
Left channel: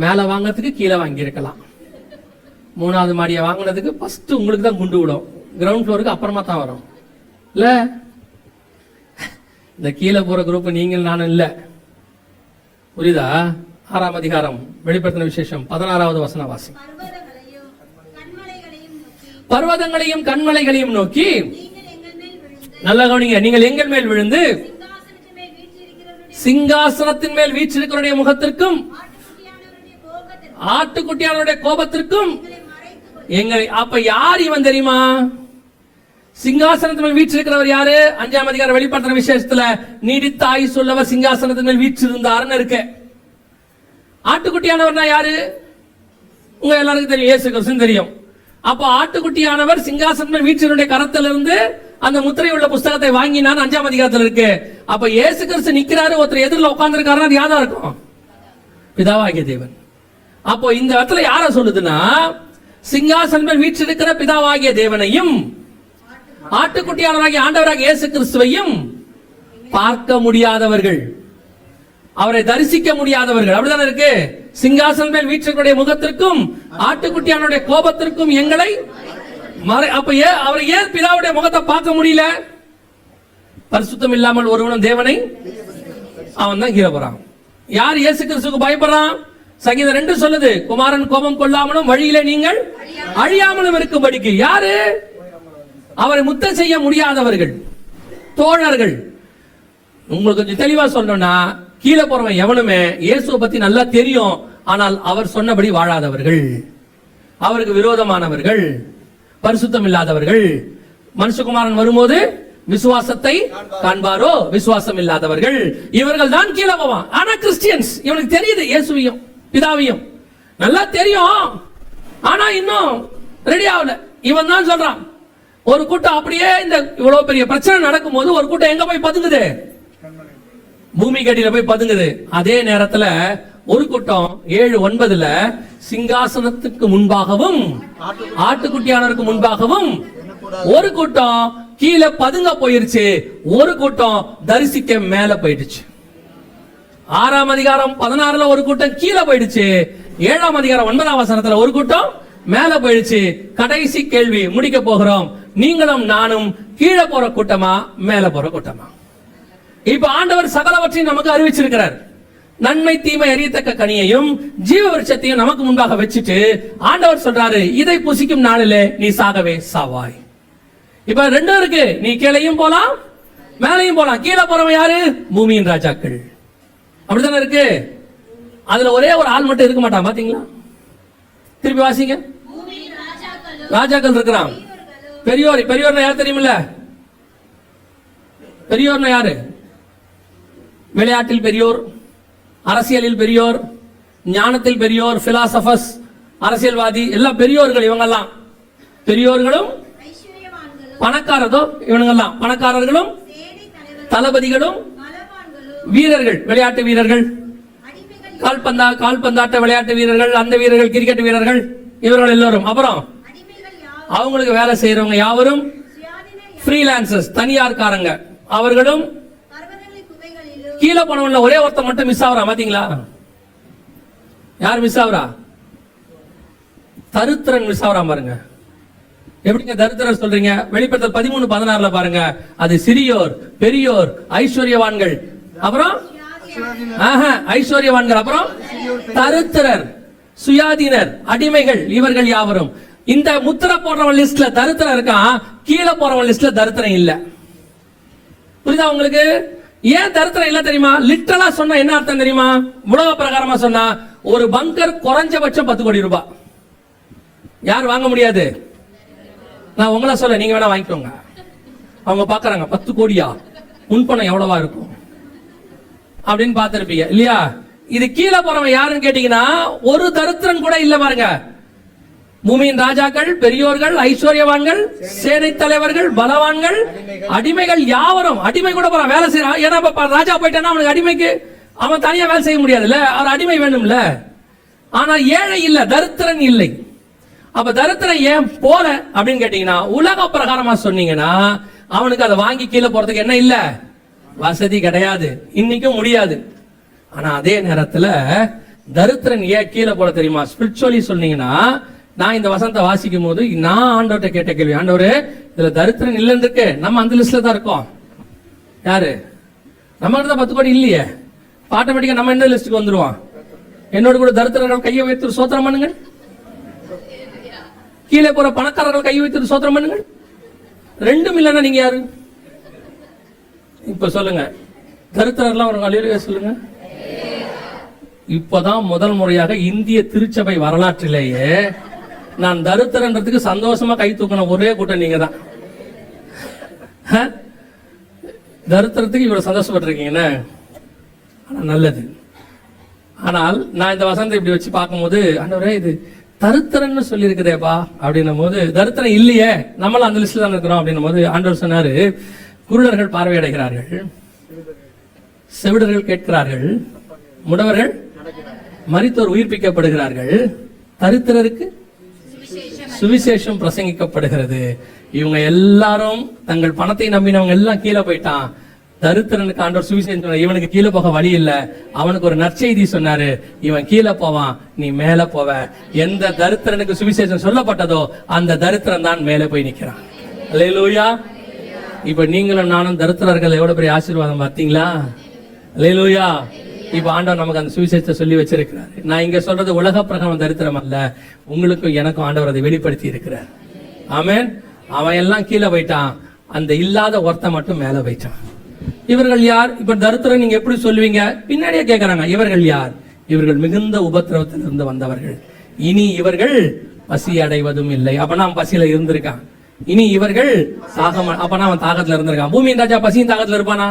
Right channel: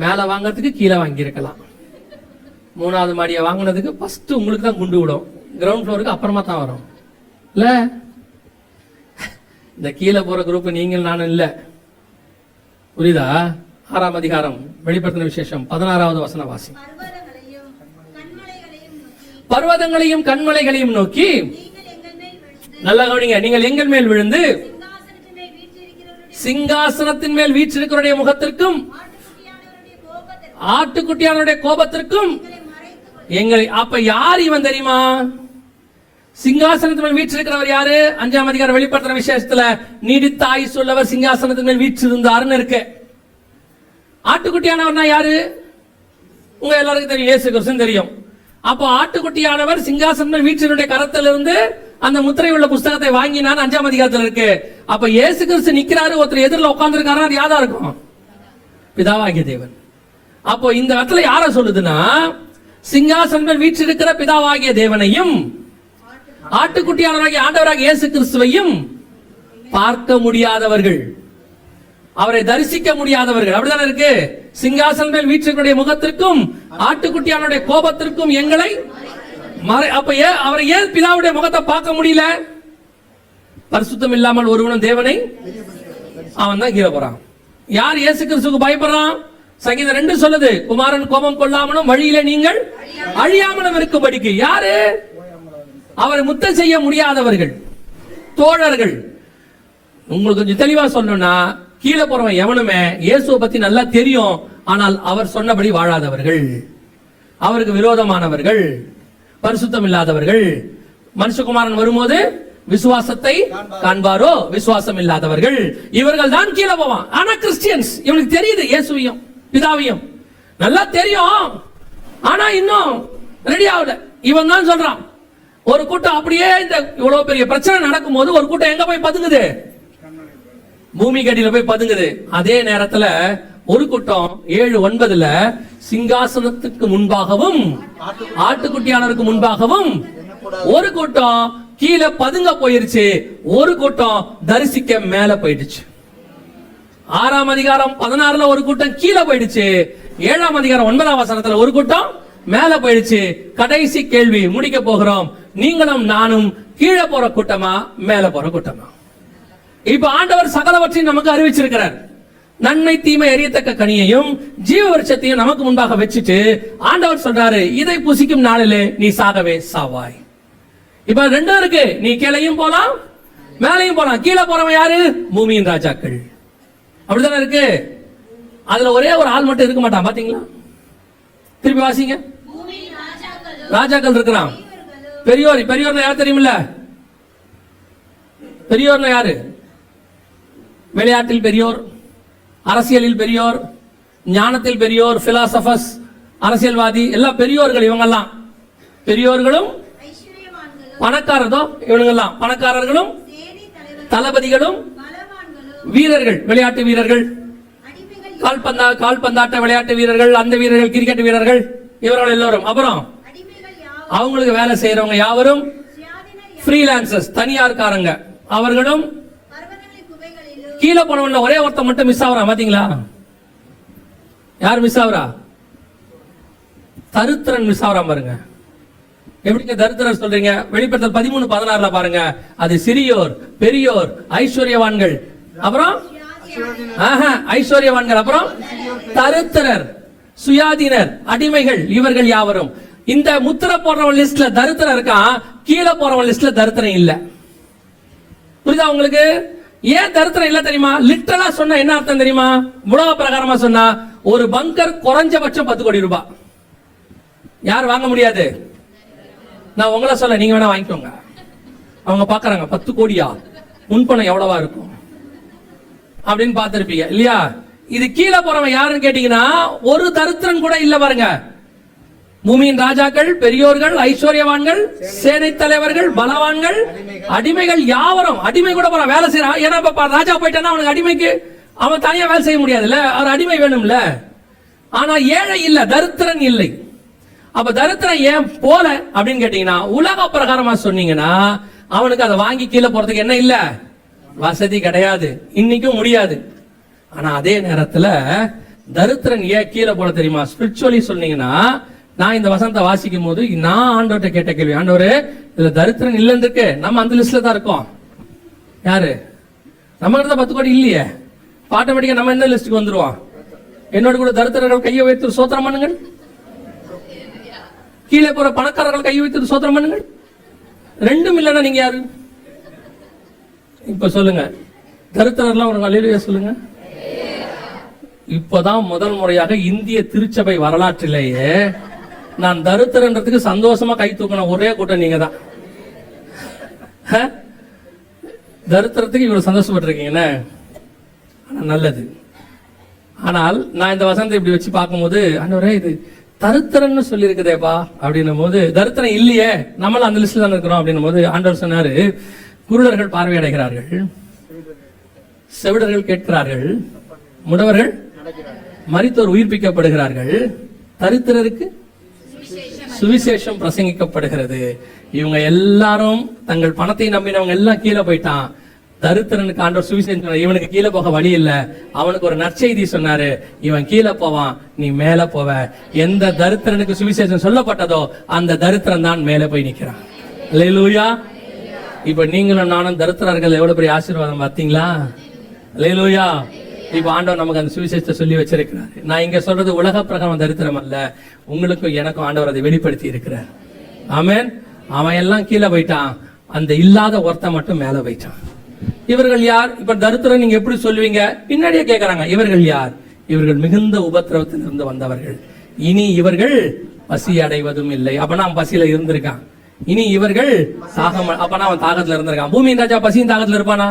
மேல வாங்கறதுக்கு கீழே வாங்கி இருக்கலாம், 3வது மாடியை வாங்கினதுக்கு ஃபர்ஸ்ட் உங்களுக்கு தான் குண்டு விடும், கிரவுண்ட் ஃப்ளோருக்கு அப்புறமா தான் வரும் இல்ல. இந்த கீழே போற குரூப் நீங்கள் நானும் இல்ல, புரியுதா? 6ஆம் அதிகாரம் வெளிப்படுத்தின விசேஷம் 16வது வசன வாசி. பர்வதங்களையும் கண்மலைகளையும் நோக்கி, நல்ல கவனிங்க, நீங்கள் எங்கள் மேல் விழுந்து சிங்காசனத்தின் மேல் வீற்றிருக்கிறவருடைய முகத்திற்கும் ஆட்டுக்குட்டியானவருடைய கோபத்திற்கும் எங்களை. அப்ப யார் இவன் தெரியுமா? சிங்காசனத்தின் மேல் வீற்றிருக்கிறவர் யாரு? 5ஆம் அதிகாரம் வெளிப்படுத்துற விசேஷத்துல நீடித்த ஆயுசு உள்ளவர் சிங்காசனத்தின் மேல் வீற்றிருந்தாருன்னு இருக்கு. ஆட்டுக்குட்டியானவர்னா யாரு? உங்க எல்லாருக்கும் தெரியும், இயேசு கிறிஸ்து தெரியும். அப்போ ஆட்டுக்குட்டியானவர் சிங்காசனம் மேல் வீற்றினுடைய கரத்திலிருந்து அந்த முத்திரை உள்ள புஸ்தகத்தை வாங்கினார், 5ஆம் அதிகாரத்தில் இருக்கு. அப்ப இயேசு கிறிஸ்து நிக்கிறாரு, ஒருத்தர் எதிரில் உட்கார்ந்துருக்காரு, அது யாரா இருக்கும்? பிதாவாகிய தேவன். அப்போ இந்த இடத்துல யார சொல்லுதுன்னா, சிங்காசனம் மேல் வீற்றிருக்கிற பிதாவாகிய தேவனையும் ஆட்டுக்குட்டியானவராகிய ஆண்டவராகிய இயேசு கிறிஸ்துவையும் பார்க்க முடியாதவர்கள். அவரை தரிசிக்க முடியாதவர்கள். அப்படிதானே இருக்கு. சிங்காசனம் மேல் வீற்றிருக்கிற முகத்திற்கும் ஆட்டுக்குட்டியானுடைய கோபத்திற்கும் எங்களை அப்ப அவரை ஏன் பிதாவுடைய முகத்தை பார்க்க முடியல? பரிசுத்தம் இல்லாமல் ஒருவனும் தேவனை அவன் தான் கீழே போறான். யார் இயேசு கிறிஸ்துவுக்கு பயப்படுறான்? சங்கீதம் 2 சொல்லுது, குமாரன் கோபம் கொள்ளாமலும் வழியிலே நீங்கள் அழியாமலும் இருக்கும்படிக்கு. யாரு? அவரை முத்தம் செய்ய முடியாதவர்கள், தோழர்கள். உங்களுக்கு கொஞ்சம் தெளிவா சொல்லணும்னா, கீழே போறவன் எவனுமே இயேசுவை பத்தி நல்லா தெரியும், ஆனால் அவர் சொன்னபடி வாழாதவர்கள், அவருக்கு விரோதமானவர்கள், பரிசுத்தம் இல்லாதவர்கள். மனுஷகுமாரன் வரும்போது விசுவாசத்தை காண்பாரோ? விசுவாசம் இல்லாதவர்கள் இவர்கள் தான் கீழே போவான். ஆனா கிறிஸ்டியன்ஸ், இவனுக்கு தெரியுது இயேசுவையும் பிதாவையும் நல்லா தெரியும், ஆனா இன்னும் ரெடி ஆகல. இவன் தான் சொல்றான். ஒரு கூட்டம் அப்படியே இந்த இவ்வளவு பெரிய பிரச்சனை நடக்கும் போது ஒரு கூட்டம் எங்க போய் பதுங்குது? பூமி கடியில போய் பதுங்குது. அதே நேரத்துல ஒரு கூட்டம் 7:9 சிங்காசனத்துக்கு முன்பாகவும் ஆட்டுக்குட்டியானவருக்கு முன்பாகவும் ஒரு கூட்டம் கீழே பதுங்க போயிருச்சு, ஒரு கூட்டம் தரிசிக்க மேல போயிடுச்சு. 6ஆம் அதிகாரம் 16 ஒரு கூட்டம் கீழே போயிடுச்சு, 7ஆம் அதிகாரம் 9ஆம் வசனத்துல ஒரு கூட்டம் மேல போயிடுச்சு. கடைசி கேள்வி முடிக்க போகிறோம். நீங்களும் நானும் கீழே போற கூட்டமா மேல போற கூட்டமா? இப்ப ஆண்டவர் சகலவற்றையும் நமக்கு அறிவிச்சிருக்கிறார். நன்மை தீமை எரியத்தக்க கனியையும் ஜீவ விருட்சத்தையும் நமக்கு முன்பாக வச்சுட்டு ஆண்டவர் சொல்றாரு, இதை புசிக்கும் நாளிலே நீ சாகவே சாவாய். இப்ப 2 இருக்கு, நீ கீழையும் போலாம் மேலையும் போலாம். கீழே போறவன் யாரு? பூமியின் ராஜாக்கள். அப்படித்தானே இருக்கு. அதுல ஒரே ஒரு ஆள் மட்டும் இருக்க மாட்டான், பாத்தீங்களா? திருப்பி வாசிங்க. ராஜாக்கள் இருக்கிறான். பெரியோர், பெரியோர்னா யார் தெரியுமில்ல? பெரியோர்னா யாரு? விளையாட்டில் பெரியோர், அரசியலில் பெரியோர், ஞானத்தில் பெரியோர், பிலாசபர்ஸ், அரசியல்வாதி, எல்லாம் பெரியோர்கள். இவங்கெல்லாம் பெரியோர்களும் பணக்காரதோ, இவனுங்கெல்லாம் பணக்காரர்களும் தளபதிகளும் வீரர்கள், விளையாட்டு வீரர்கள், கால்பந்தாட்ட விளையாட்டு வீரர்கள், அந்த வீரர்கள், கிரிக்கெட் வீரர்கள், இவர்கள் எல்லோரும். அப்புறம் அவங்களுக்கு வேலை செய்யறவங்க யாவரும் ஃப்ரீலான்சர்ஸ், தனியார்காரங்க. அவர்களும் கீழே போனவங்கள ஒரே ஒருத்தர் மட்டும் மிஸ் ஆகுறா, பாத்தீங்களா? யார் மிஸ் ஆகுறா? தருத்திரன் மிஸ் ஆகுறா பாருங்க. எப்படிங்க தரித்திரர் சொல்றீங்க? வெளிப்படுத்தல் 13:16 பாருங்க. அது சிறியோர், பெரியோர், ஐஸ்வர்யவான்கள், அப்புறம் ஐஸ்வர்யவான்கள், அப்புறம் தரித்திரர், சுயாதீனர், அடிமைகள், இவர்கள் யாவரும். இந்த முத்திர போடுறவன் லிஸ்ட்ல தரித்திரம் இருக்கான், கீழே போறவன் லிஸ்ட்ல தரித்திரம் இல்ல. புரியுதா உங்களுக்கு? ஏன் தரித்திரம் இல்ல தெரியுமா? லிட்டரலா சொன்னா என்ன அர்த்தம் தெரியுமா? உலக பிரகாரமா சொன்னா ஒரு பங்கர் குறைஞ்சபட்சம் 10 கோடி ரூபாய். யார் வாங்க முடியாது? நான் உங்களை சொல்ல, நீங்க வேணா வாங்கிக்கோங்க. அவங்க பாக்குறாங்க 10 கோடியா, முன்பணம் எவ்வளவா இருக்கும் அப்படின்னு பார்த்திருப்பீங்க இல்லையா? இது கீழே போறவன் யாருன்னு கேட்டீங்கன்னா ஒரு தரித்திரன் கூட இல்ல பாருங்க. பூமியின் ராஜாக்கள், பெரியோர்கள், ஐஸ்வர்யவான்கள், சேனை தலைவர்கள், பலவான்கள், அடிமைகள் யாவரும். அடிமை கூட போறான், வேலை செய்யறான். ஏன்னா ராஜா போயிட்டானா அவனுக்கு அடிமைக்கு அவன் தனியா வேலை செய்ய முடியாதுல்ல, அவர் அடிமை வேணும்ல. ஆனா ஏழை இல்ல, தரித்திரன் இல்லை. அப்ப தரித்திரன் ஏன் போல அப்படின்னு கேட்டீங்கன்னா, உலக பிரகாரமா சொன்னீங்கன்னா அவனுக்கு அதை வாங்கி கீழே போறதுக்கு என்ன இல்ல, வசதி கிடையாது, இன்னைக்கும் முடியாது. ஆனா அதே நேரத்துல தரித்திரன் ஏன் கீழே போட தெரியுமா? ஸ்பிரிச்சுவலி சொன்னீங்கன்னா, நான் இந்த வசனத்தை வாசிக்கும் போது நான் ஆண்டவர்கிட்ட கேட்ட கேள்வி, ஆண்டவரே இதுல தரித்திரன் இல்லைன்னு இருக்கு, நம்ம அந்த லிஸ்ட்ல தான் இருக்கோம். யாரு? நம்ம தான் 10 கோடி இல்லையே, ஆட்டோமேட்டிக்கா நம்ம என்ன லிஸ்டுக்கு வந்துருவோம்? என்னோட கூட தரித்திரர்கள் கையை வைத்து சோத்திரம் பண்ணுங்கள், கீழே போற பணக்காரர்கள் கையை வைத்து சோத்திரம் பண்ணுங்கள். 2 இல்லைன்னா நீங்க யாரு? இப்ப சொல்லுங்க, தரித்திரர்லாம் ஒரு அல்லேலூயா சொல்லுங்க. இப்பதான் முதல் முறையாக இந்திய திருச்சபை வரலாற்றிலேயே நான் தரித்திரன்றதுக்கு சந்தோஷமா கை தூக்கின ஒரே கூட்டம் நீங்க தான். தரித்திரத்துக்கு இவ்வளவு சந்தோஷப்பட்டிருக்கீங்க, நல்லது. ஆனால் நான் இந்த வசனத்தை இப்படி வச்சு பார்க்கும்போது, ஆண்டவரே இது தரித்திரன்னு சொல்லி இருக்குதேப்பா அப்படின்னும் போது, தரித்திரம் இல்லையே, நம்மளும் அந்த லிஸ்ட்ல தான் இருக்கிறோம் அப்படின்னும் போது ஆண்டவர் சொன்னாரு, குருடர்கள் பார்வையடைகிறார்கள், செவிடர்கள் கேட்கிறார்கள், முடவர்கள் மரித்தோர் உயிர்ப்பிக்கப்படுகிறார்கள், தரித்திரருக்கு சுவிசேஷம் பிரசங்கிக்கப்படுகிறது. இவங்க எல்லாரும் தங்கள் பணத்தை நம்பினவங்க எல்லாம் கீழே போயிட்டான். தரித்திரனுக்கு ஆண்டவர் சுவிசேஷம் சொன்னார். இவனுக்கு கீழே போக வழி இல்ல, அவனுக்கு ஒரு நற்செய்தி சொன்னாரு, இவன் கீழே போவான், நீ மேல போவ. எந்த தரித்திரனுக்கு சுவிசேஷம் சொல்லப்பட்டதோ அந்த தரித்திரன் தான் மேல போய் நிக்கிறான். அல்லேலூயா. இப்ப நீங்களும் நானும் தரித்திரர்கள் எவ்வளவு பெரிய ஆசீர்வாதம் பார்த்தீங்களா? அல்லேலூயா. இப்ப ஆண்டவர் நமக்கு அந்த சுவிசேஷத்தை சொல்லி வச்சிருக்கிறார். நான் இங்க சொல்றது உலக பிரகாரம் தரித்திரம் அல்ல, உங்களுக்கும் எனக்கும் ஆண்டவர் அதை வெளிப்படுத்தி இருக்கிறார். ஆமென். அவன் எல்லாம் கீழே போயிட்டான், அந்த இல்லாத ஒருத்தன் மட்டும் மேல போயிட்டான். இவர்கள் யார்? இப்ப தரித்திரம் நீங்க எப்படி சொல்லுவீங்க? பின்னாடியே கேட்கறாங்க, இவர்கள் யார்? இவர்கள் மிகுந்த உபத்திரவத்திலிருந்து வந்தவர்கள், இனி இவர்கள் பசி அடைவதும் இல்லை. அப்பனா அவன் பசியில இருந்திருக்கான். இனி இவர்கள் அப்பனா அவன் தாகத்துல இருந்திருக்கான். பூமியின் ராஜா பசியின் தாகத்துல இருப்பானா?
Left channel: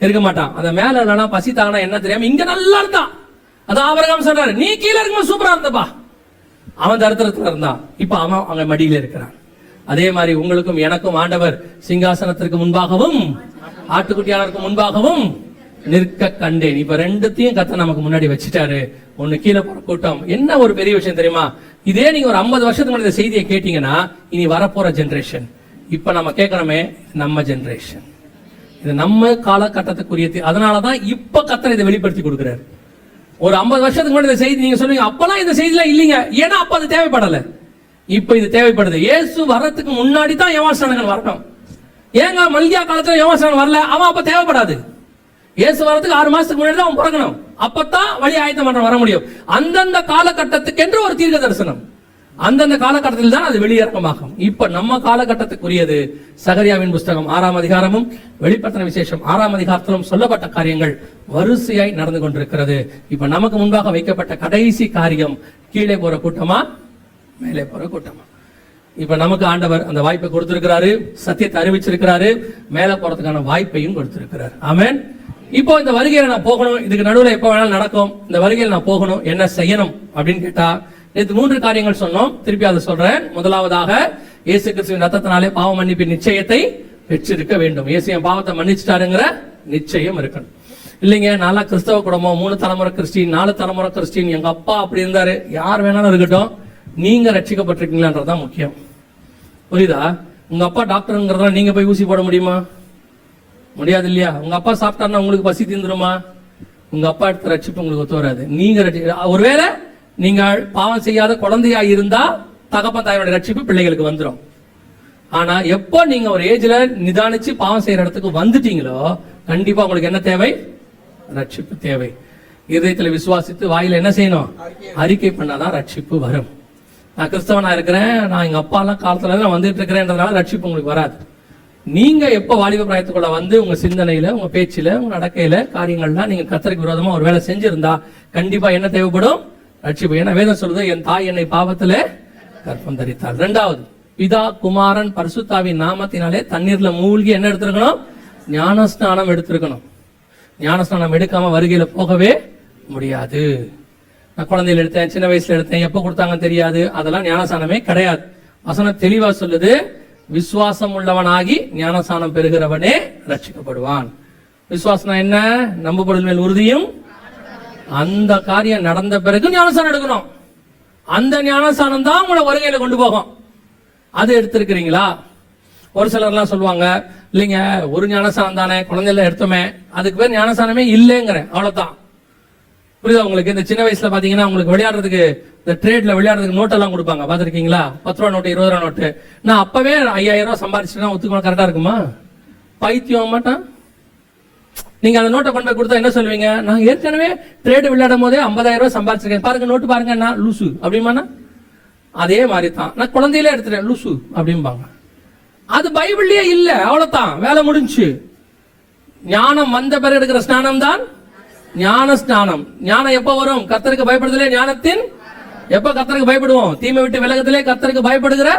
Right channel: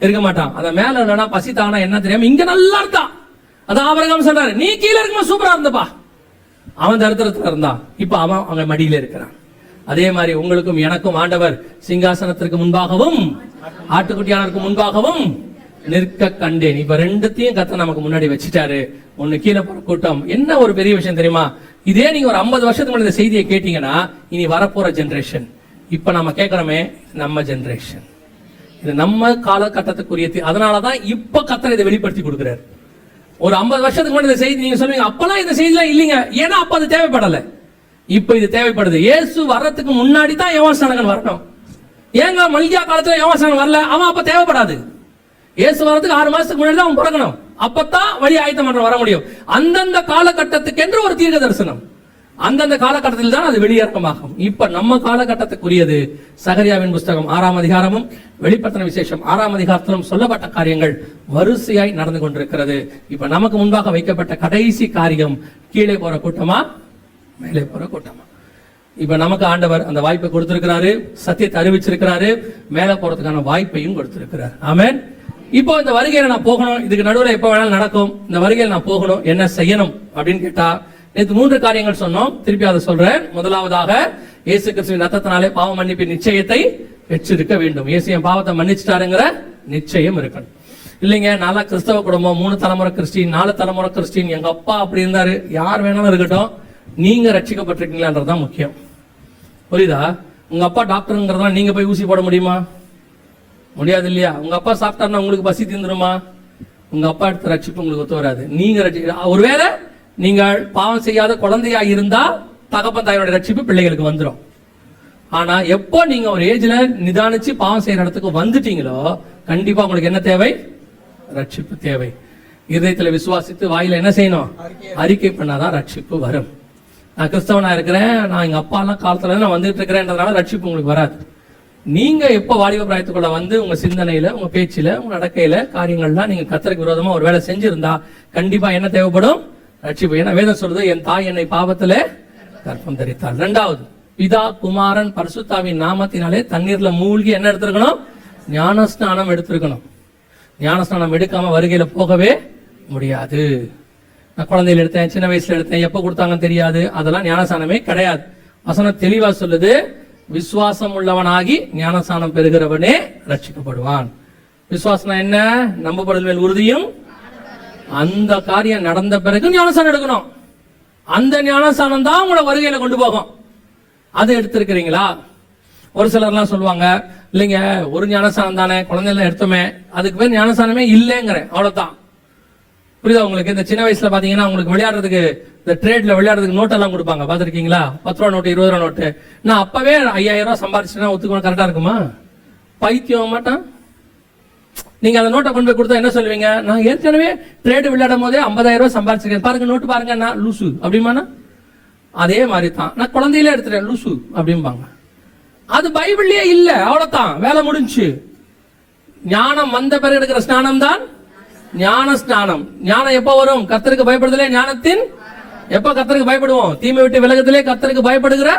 இருக்க மாட்டான். அத மேல என்னன்னா பசி தாகனா என்ன தெரியாம இங்க நல்லா இருந்தான். அதான் ஆபிரகாம் சொல்றாரு, நீ கீழே இருக்கும்போது சூப்பரா இருந்தப்பா. அவன் தரித்திரத்துல இருந்தான், இப்ப அவன் அங்க மடியில இருக்கிறான். அதே மாதிரி உங்களுக்கும் எனக்கும் ஆண்டவர் சிங்காசனத்திற்கு முன்பாகவும் ஆட்டுக்குட்டியாளருக்கு முன்பாகவும் நிற்க கண்டேன். இப்ப ரெண்டுத்தையும் கர்த்தர் நமக்கு முன்னாடி வச்சுட்டாரு. ஒண்ணு கீழே போற கூட்டம். என்ன ஒரு பெரிய விஷயம் தெரியுமா? இதே நீங்க ஒரு 50 வருஷத்துக்கு முன்னாடி இந்த செய்தியை கேட்டீங்கன்னா இனி வரப்போற ஜெனரேஷன், இப்ப நம்ம கேட்கிறோமே நம்ம ஜெனரேஷன், இது நம்ம காலகட்டத்துக்குரிய. அதனாலதான் இப்ப கர்த்தர் இதை வெளிப்படுத்தி கொடுக்கிறார். ஒரு 50 வருஷத்துக்கு முன்னாடி இந்த செய்தி நீங்க சொல்லுவீங்க, அப்பெல்லாம் இந்த செய்தி எல்லாம் இல்லைங்க, ஏன்னா அப்ப அது தேவைப்படல. இப்ப இது தேவைப்படுது. இயேசு வர்றதுக்கு முன்னாடி தான் யோவான்ஸ்நானகன் வரணும். ஏங்க மல்கியா காலத்துல யோவான்ஸ்நானகன் வரல? அவன் அப்ப தேவைப்படாது. இயேசு வர்றதுக்கு 6 மாசத்துக்கு முன்னாடி தான் அவன் பிறக்கணும். அப்பதான் வழி ஆயத்தம் பண்ண வர முடியும். அந்தந்த காலகட்டத்துக்கு என்று ஒரு தீர்க்க தரிசனம், அந்தந்த காலகட்டத்தில் தான் அது வெளியிறக்கமாகும். இப்ப நம்ம காலகட்டத்துக்குரியது சகரியாவின் புஸ்தகம் 6ஆம் அதிகாரமும் வெளிப்படுத்தின விசேஷம் 6ஆம் அதிகாரத்திலும் சொல்லப்பட்ட காரியங்கள் வரிசையாய் நடந்து கொண்டிருக்கிறது. இப்ப நமக்கு முன்பாக வைக்கப்பட்ட கடைசி காரியம் கீழே போற கூட்டமா மேலே போற கூட்டமா? இப்ப நமக்கு ஆண்டவர் அந்த வாய்ப்பை கொடுத்திருக்கிறாரு, சத்தியத்தை அறிவிச்சிருக்கிறாரு, மேல போறதுக்கான வாய்ப்பையும் கொடுத்திருக்கிறார். ஆமென். இப்போ இந்த வருகையில நான் போகணும், இதுக்கு நடுவில் எப்ப வேணாலும் நடக்கும். இந்த வருகையில் நான் போகணும், என்ன செய்யணும் அப்படின்னு கேட்டா, நேற்று 3 காரியங்கள் சொன்னோம், திருப்பி அதை சொல்றேன். முதலாவதாக இயேசு கிறிஸ்துவின் ரத்தத்தினாலே பாவ மன்னிப்பின் நிச்சயத்தை பெற்றிருக்க வேண்டும். இயேசு என் பாவத்தை மன்னிச்சிட்டாருங்கிற நிச்சயம் இருக்கணும். இல்லைங்க நல்லா கிறிஸ்தவ குடும்பம், 3 தலைமுறை கிறிஸ்டின், 4 தலைமுறை கிறிஸ்டின், எங்க அப்பா அப்படி இருந்தாரு, யார் வேணாலும் இருக்கட்டும், நீங்க ரட்சிக்கப்பட்டிருக்கீங்களான்றதுதான் முக்கியம். புரியுதா? உங்க அப்பா டாக்டருங்கிறதா நீங்க போய் ஊசி போட முடியுமா? முடியாது இல்லையா? உங்க அப்பா சாப்பிட்டாருன்னா உங்களுக்கு பசி தீந்துருமா? உங்க அப்பா எடுத்த ரட்சிப்பு உங்களுக்கு ஒத்து வராது. நீங்க ஒருவேளை நீங்க பாவம் செய்யாத குழந்தையா இருந்தா தகப்பன் தாயோட ரட்சிப்பு பிள்ளைகளுக்கு வந்துடும். ஆனா எப்போ நீங்க ஒரு ஏஜ்ல நிதானிச்சு பாவம் செய்யற இடத்துக்கு வந்துட்டீங்களோ கண்டிப்பா உங்களுக்கு என்ன தேவை? ரட்சிப்பு தேவை. இதயத்துல விசுவாசித்து வாயில என்ன செய்யணும்? அறிக்கை பண்ணாதான் ரட்சிப்பு வரும். நான் கிறிஸ்தவனா இருக்கிறேன், நான் எங்க அப்பா எல்லாம் காலத்துல நான் வந்துட்டு இருக்கிறேன்றதுனால ரட்சிப்பு உங்களுக்கு வராது. நீங்க எப்ப வாலிப பிராயத்துக்குள்ள வந்து உங்க சிந்தனையில, உங்க பேச்சில, உங்க நடக்கையில காரியங்கள்லாம் நீங்க கர்த்தருக்கு விரோதமா ஒரு வேலை செஞ்சிருந்தா கண்டிப்பா என்ன தேவைப்படும்? ரட்சிப்பு. ஏன்னா வேதம் சொல்றது, என் தாய் என்னை பாவத்துல கர்ப்பம் தரித்தாள். 2வது, பிதா குமாரன் பரிசுத்தாவின் நாமத்தினாலே தண்ணீர்ல மூழ்கி என்ன எடுத்திருக்கணும்? ஞானஸ்நானம் எடுத்திருக்கணும். ஞானஸ்நானம் எடுக்காம வருகையில போகவே முடியாது. நான் குழந்தையில எடுத்தேன், சின்ன வயசுல எடுத்தேன், எப்ப கொடுத்தாங்கன்னு தெரியாது, அதெல்லாம் ஞானஸ்நானமே கிடையாது. வசனம் தெளிவா சொல்லுது, விசுவாசம் உள்ளவனாகி ஞானஸ்நானம் பெறுகிறவனே ரட்சிக்கப்படுவான். விசுவாசம் என்ன? நம்பப்படுதல் மேல் உறுதியும். அந்த காரியம் நடந்த பிறகு ஞானஸ்நானம் எடுக்கணும். அந்த ஞானஸ்நானம் தான் உங்களை வருகையில கொண்டு போகும். அது எடுத்திருக்கிறீங்களா? ஒரு சிலர்லாம் சொல்லுவாங்க, இல்லைங்க ஒரு ஞானஸ்நானம் தானே, குழந்தைல எடுத்தோமே, அதுக்கு பேர் ஞானஸ்நானமே இல்லைங்கிறேன், அவ்வளவுதான். புரியுதா உங்களுக்கு? இந்த சின்ன வயசுல பாத்தீங்கன்னா உங்களுக்கு விளையாடுறதுக்கு, இந்த ட்ரேட்ல விளையாடுறதுக்கு நோட்டெல்லாம் கொடுப்பாங்க, பாத்திருக்கீங்களா? 10 ரூபா நோட்டு, 20 ரூபா நோட்டு. நான் அப்பவே 5000 ரூபாய் சம்பாதிச்சுன்னா ஒத்துக்கணும், கரெக்டா இருக்குமா? பைத்தியம் மாட்டான். நீங்க அந்த நோட்டை கொண்டு போய் கொடுத்தா என்ன சொல்லுவீங்க? நான் ஏற்கனவே ட்ரேட் விளையாடும் போதே 50,000 ரூபாய் சம்பாதிச்சிருக்கேன், பாருங்க நோட்டு பாருங்க, நான் லூசு அப்படிமாண்ணா? அதே மாதிரி தான் நான் குழந்தையிலே எடுத்துட்டேன் லூசு அப்படிம்பாங்க. அது பைபிள்லயே இல்ல, அவ்வளவுதான், வேலை முடிஞ்சு. ஞானம் வந்த பிறகு எடுக்கிற ஸ்நானம் தான் ஞான ஸ்நானம். ஞானம் எப்ப வரும்? கர்த்தருக்கு பயப்படுதலே ஞானத்தின். எப்ப கர்த்தருக்கு பயப்படுவோம்? தீமை விட்டு விலகுதலே கர்த்தருக்கு பயப்படுகிற.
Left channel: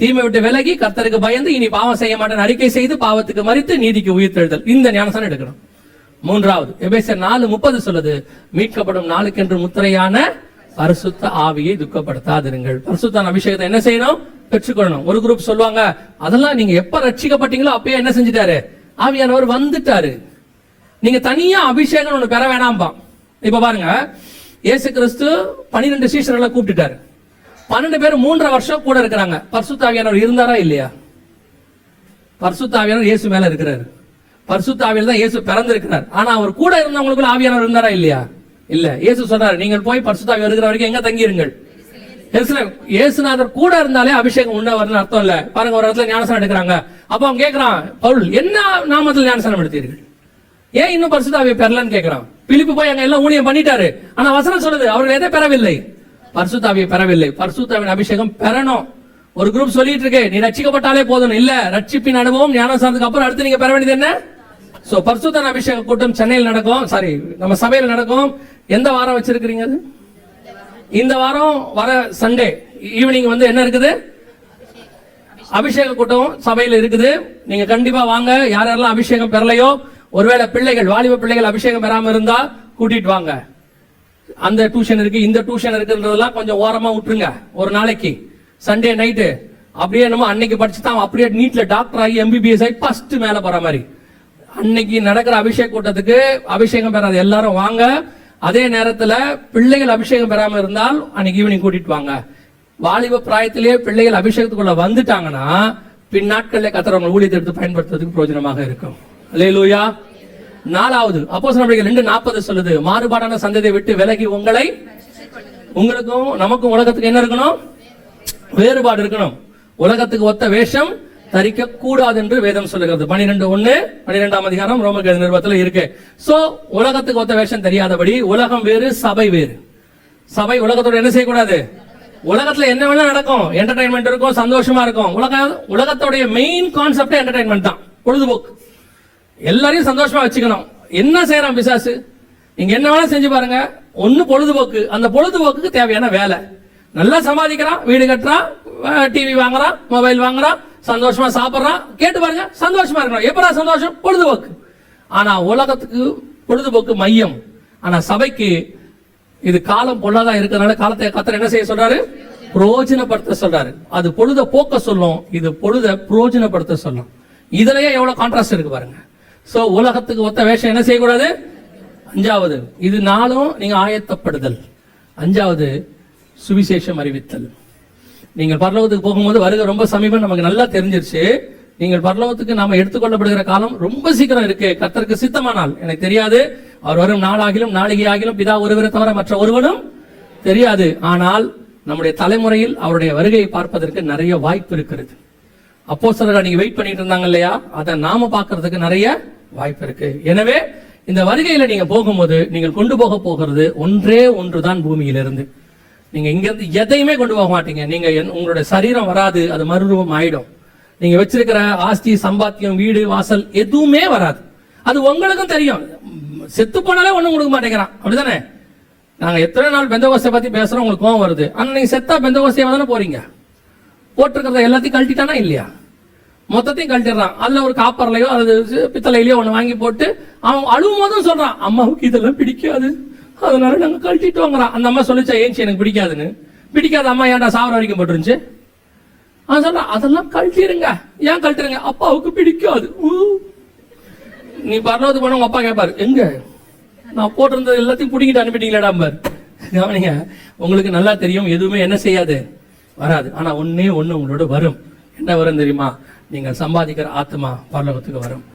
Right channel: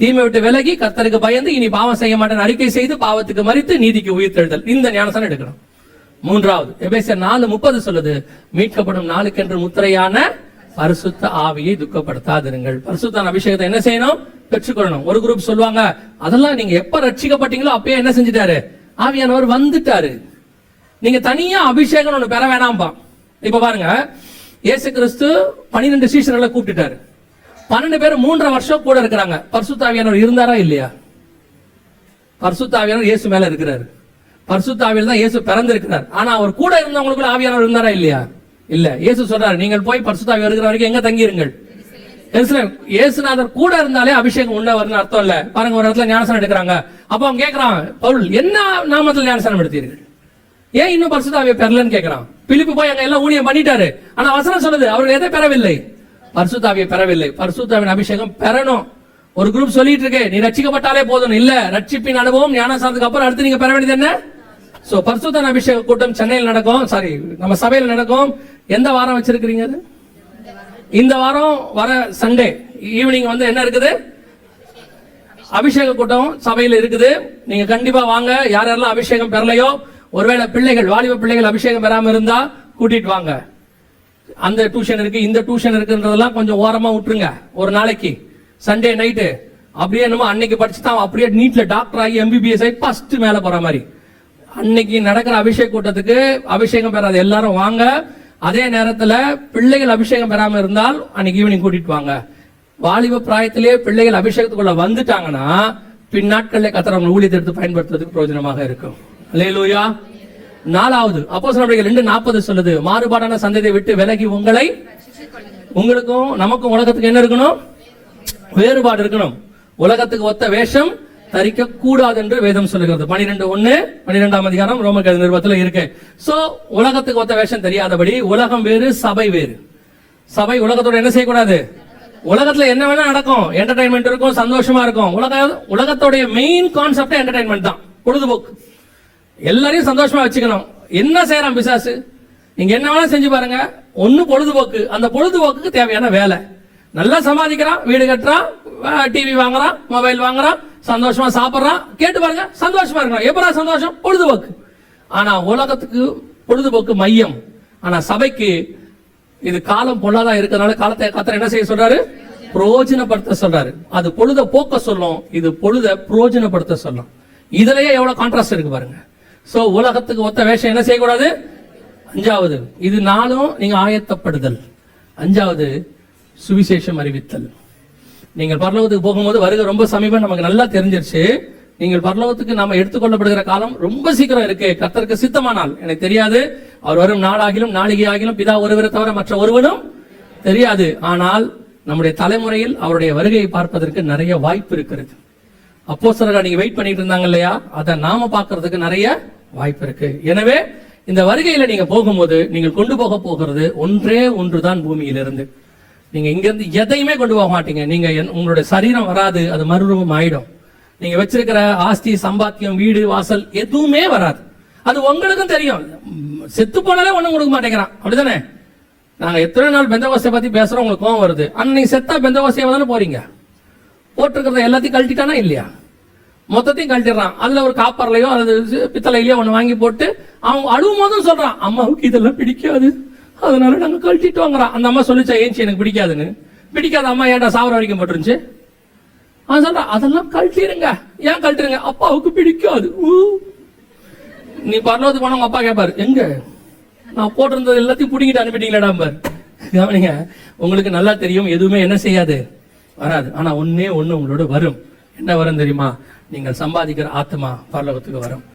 தீமை விட்டு விலகி கர்த்தருக்கு பயந்து இனி பாவம் செய்ய மாட்டேன் அறிக்கை செய்து பாவத்துக்கு மரித்து நீதிக்கு உயிர்த்தெழுதல். இந்த ஞானஸ்நானம் எடுக்கணும். 3வது, எபேசியர் 4:30 சொல்லுது, மீட்கப்படும் நாளுக்கென்று முத்திரையான பரிசுத்த ஆவியை துக்கப்படுத்தாதிருங்கள். பரிசுத்த அபிஷேகத்தை என்ன செய்யணும்? பெற்றுக்கொள்ளணும். ஒரு குரூப் சொல்லுவாங்க, அதெல்லாம் நீங்க எப்ப ரட்சிக்கப்பட்டீங்களோ அப்பயே என்ன செஞ்சுட்டாரு? ஆவியானவர் வந்துட்டாரு. நீங்க தனியா அபிஷேகம் ஒண்ணு பெற வேணாம்பா. இப்ப பாருங்க, இயேசு கிறிஸ்து 12 சீஷர்களை கூப்பிட்டுட்டாரு. 12 பேர் 3.5 வருஷம் கூட இருக்கிறாங்க. பரிசுத்த ஆவியானவர் இருந்தாரா இல்லையா? பரிசுத்த ஆவியானவர் இயேசு மேல இருக்கிறாரு. பரிசுத்த ஆவியில் தான் இயேசு பிறந்திருக்கிறார். ஆனா அவர் கூட இருந்தவங்களுக்குள்ள ஆவியானவர் இருந்தாரா இல்லையா? இல்ல. இயேசு சொல்றாரு, நீங்கள் போய் பரிசுத்த ஆவி வருகிற வரைக்கும் எங்க தங்கியிருங்கள்? இயேசுநாதர் கூட இருந்தாலே அபிஷேகம் உண்ண வருதுன்னு அர்த்தம் இல்ல. பாருங்க, ஒரு இடத்துல ஞானஸ்நானம் எடுக்கிறாங்க. அப்ப அவன் கேட்கிறான், பவுல் என்ன நாமத்தில் ஞானஸ்நானம் எடுத்தீர்கள், ஏன் இன்னும் பரிசுத்த ஆவியை பெறலன்னு கேட்கிறான். பிலிப்பு போய் அங்க எல்லாம் ஊழியம் பண்ணிட்டாரு. ஆனா வசனம் சொல்லுது அவர்கள் எதை பெறவில்லை? பரிசுத்த ஆவியை பெறவில்லை. பரிசுத்த ஆவியின் அபிஷேகம் பெறணும். ஒரு குரூப் சொல்லிட்டு இருக்கு, நீ ரட்சிக்கப்பட்டாலே போதும். இல்ல, ரட்சிப்பின் அனுபவம் ஞானஸ்நானத்துக்கு அப்புறம் அடுத்து நீங்க பெற வேண்டியது என்ன? சோ பரிசுத்த அபிஷேக கூட்டம் சென்னையில் நடக்கும், நம்ம சபையில் நடக்கும். எந்த வாரம் வச்சிருக்கிறீங்க? அது இந்த வாரம் வர சண்டே ஈவினிங் என்ன இருக்குது? அபிஷேக கூட்டம் சபையில் இருக்குது. நீங்க கண்டிப்பா வாங்க. யாரெல்லாம் அபிஷேகம் பெறலையோ, ஒருவேளை பிள்ளைகள், வாலிப பிள்ளைகள் அபிஷேகம் பெறாம இருந்தா கூட்டிட்டு வாங்க. அந்த டியூஷன் இருக்கு, இந்த டியூஷன் இருக்குன்றதெல்லாம் கொஞ்சம் ஓரமா விட்டுருங்க. ஒரு நாளைக்கு சண்டே நைட்டு அப்படியே என்னமோ அன்னைக்கு படிச்சுதான் அப்படியே நீட்ல டாக்டர் ஆகி எம்பிபிஎஸ் ஆகி ஃபர்ஸ்ட் மேல போற மாதிரி. அன்னைக்கு நடக்கிற அபிஷேக கூட்டத்துக்கு அபிஷேகம் பெறாத எல்லாரும் வாங்க. அதே நேரத்துல பிள்ளைகள் அபிஷேகம் பெறாம இருந்தால் அன்னைக்கு ஈவினிங் கூட்டிட்டு வாங்க. வாலிப பிராயத்திலேயே பிள்ளைகள் அபிஷேகத்துக்குள்ள வந்துட்டாங்கன்னா பின்னாட்கள்ல கர்த்தர் நம்ம ஊழியத்தை எடுத்து பயன்படுத்துறதுக்கு பிரயோஜனமாக இருக்கும். அல்லேலூயா. 4வது அப்போஸ்தலர் 2:40 சொல்லுது, மாறுபாடான சந்ததியை விட்டு விலகி உங்களுக்கும் நமக்கும் உலகத்துக்கு என்ன இருக்கணும்? வேறுபாடு இருக்கணும். உலகத்துக்கு ஒத்த வேஷம் தரிக்க கூடாது என்று வேதம் சொல்லுகிறது. 12:1 12ஆம் அதிகாரம் ரோமர் நிருபத்தில் இருக்கு. சோ உலகத்துக்கு ஒத்த வேஷம் தெரியாதபடி, உலகம் வேறு சபை வேறு. சபை உலகத்தோட என்ன செய்யக்கூடாது? உலகத்துல என்ன வேணா நடக்கும், என்டர்டைன்மெண்ட் இருக்கும், சந்தோஷமா இருக்கும். உலகத்தோடைய மெயின் கான்செப்ட் என்டர்டைன்மெண்ட் தான், பொழுதுபோக்கு. எல்லாரையும் சந்தோஷமா வச்சுக்கணும். என்ன செய்யறான் பிசாசு? நீங்க என்ன வேணா செஞ்சு பாருங்க, ஒண்ணு பொழுதுபோக்கு. அந்த பொழுதுபோக்குக்கு தேவையான வேலை. நல்லா சமாளிக்கிறான், வீடு கட்டுறான், டிவி வாங்குறான், மொபைல் வாங்குறான், சந்தோஷமா சாப்பிடுறான். கேட்டு பாருங்க, சந்தோஷமா இருக்கிறான். எப்படா சந்தோஷம்? பொழுதுபோக்கு. ஆனா உலகத்துக்கு பொழுதுபோக்கு மையம். ஆனா சபைக்கு இது காலம் பொல்லாதா இருக்கிறதுனால காலத்தை கர்த்தர் என்ன செய்ய சொல்றாரு? பிரயோஜனப்படுத்த சொல்றாரு. அது பொழுத போக்க சொல்லும், இது பொழுத பிரயோஜனப்படுத்த சொல்லும். இதுலயே எவ்வளவு கான்ட்ராஸ்ட் இருக்கு பாருங்க. சோ உலகத்துக்கு ஒத்த வேஷம் என்ன செய்யக்கூடாது? 5வது இது 4ம் நீங்க ஆயத்தப்படுதல். 5வது சுவிசேஷம் அறிவித்தல். நீங்கள் பரலோகத்துக்கு போகும்போது வருகை ரொம்ப சமீபம் நமக்கு நல்லா தெரிஞ்சிருச்சு. நீங்கள் பரலோகத்துக்கு நாம எடுத்துக்கொள்ளப்படுகிற காலம் ரொம்ப சீக்கிரம் இருக்கு. கர்த்தருக்கு சித்தமானால், எனக்கு தெரியாது, அவர் வரும் நாளாகிலும் நாளிகை ஆகிலும் பிதா ஒருவரை தவிர மற்ற ஒருவனும் தெரியாது. ஆனால் நம்முடைய தலைமுறையில் அவருடைய வருகையை பார்ப்பதற்கு நிறைய வாய்ப்பு இருக்கிறது. அப்போஸ்தலர்கள் நீங்க வெயிட் பண்ணிட்டு இருந்தாங்க இல்லையா, அதை நாம பார்க்கறதுக்கு நிறைய வாய்ப்பு இருக்கு. எனவே இந்த வருகையில நீங்க போகும்போது நீங்கள் கொண்டு போகிறது ஒன்றே ஒன்றுதான். பூமியிலிருந்து நீங்க இங்க இருந்து எதையுமே கொண்டு போக மாட்டீங்க. நீங்க உங்களுடைய சரீரம் வராது, அது மறுரூபம் ஆயிடும். நீங்க வச்சிருக்கிற ஆஸ்தி, சம்பாத்தியம், வீடு, வாசல் எதுவுமே வராது. அது உங்களுக்கும் தெரியும். செத்து போனாலே ஒண்ணும் கொடுக்க மாட்டேங்கிறான், அப்படிதானே? நாங்க எத்தனை நாள் பெந்தகோஸ்தை பத்தி பேசுறோம், உங்களுக்கு கோவம் வருது. ஆனா நீங்க செத்தா பெந்தகோஸ்தையா தானே போறீங்க. போட்டிருக்கிறத எல்லாத்தையும் கழட்டிட்டானா இல்லையா? மொத்தத்தையும் கழட்டிடுறான். அல்ல ஒரு காப்பர்லையோ அது பித்தளையிலயோ ஒண்ணு வாங்கி போட்டு அவன் அழுவும் போதும் சொல்றான், அம்மாவுக்கு இதெல்லாம் பிடிக்காது, அதனால நாங்க கழட்டிட்டு வாங்குறான். அந்த அம்மா சொல்லிச்சா, ஏன்ச்சு எனக்கு பிடிக்காதுன்னு? பிடிக்காத அம்மா ஏன்டா சாவர வரைக்கும் போட்டுருச்சு? அவன் சொல்றான், அதெல்லாம் கழட்டிடுங்க. ஏன் கழட்டிருங்க? அப்பாவுக்கு பிடிக்காது. நீ பரலோகத்துக்கு போன உங்க அப்பா கேட்பாரு, எங்க நான் போட்டிருந்தது எல்லாத்தையும் பிடிங்கிட்டு அனுப்பிட்டீங்களாடா பாரு. கவனிங்க, உங்களுக்கு நல்லா தெரியும் எதுவுமே என்ன செய்யாது, வராது. ஆனா ஒண்ணே ஒண்ணு உங்களோட வரும். என்ன வரும் தெரியுமா? நீங்கள் சம்பாதிக்கிற ஆத்மா பரலோகத்துக்கு வரும்.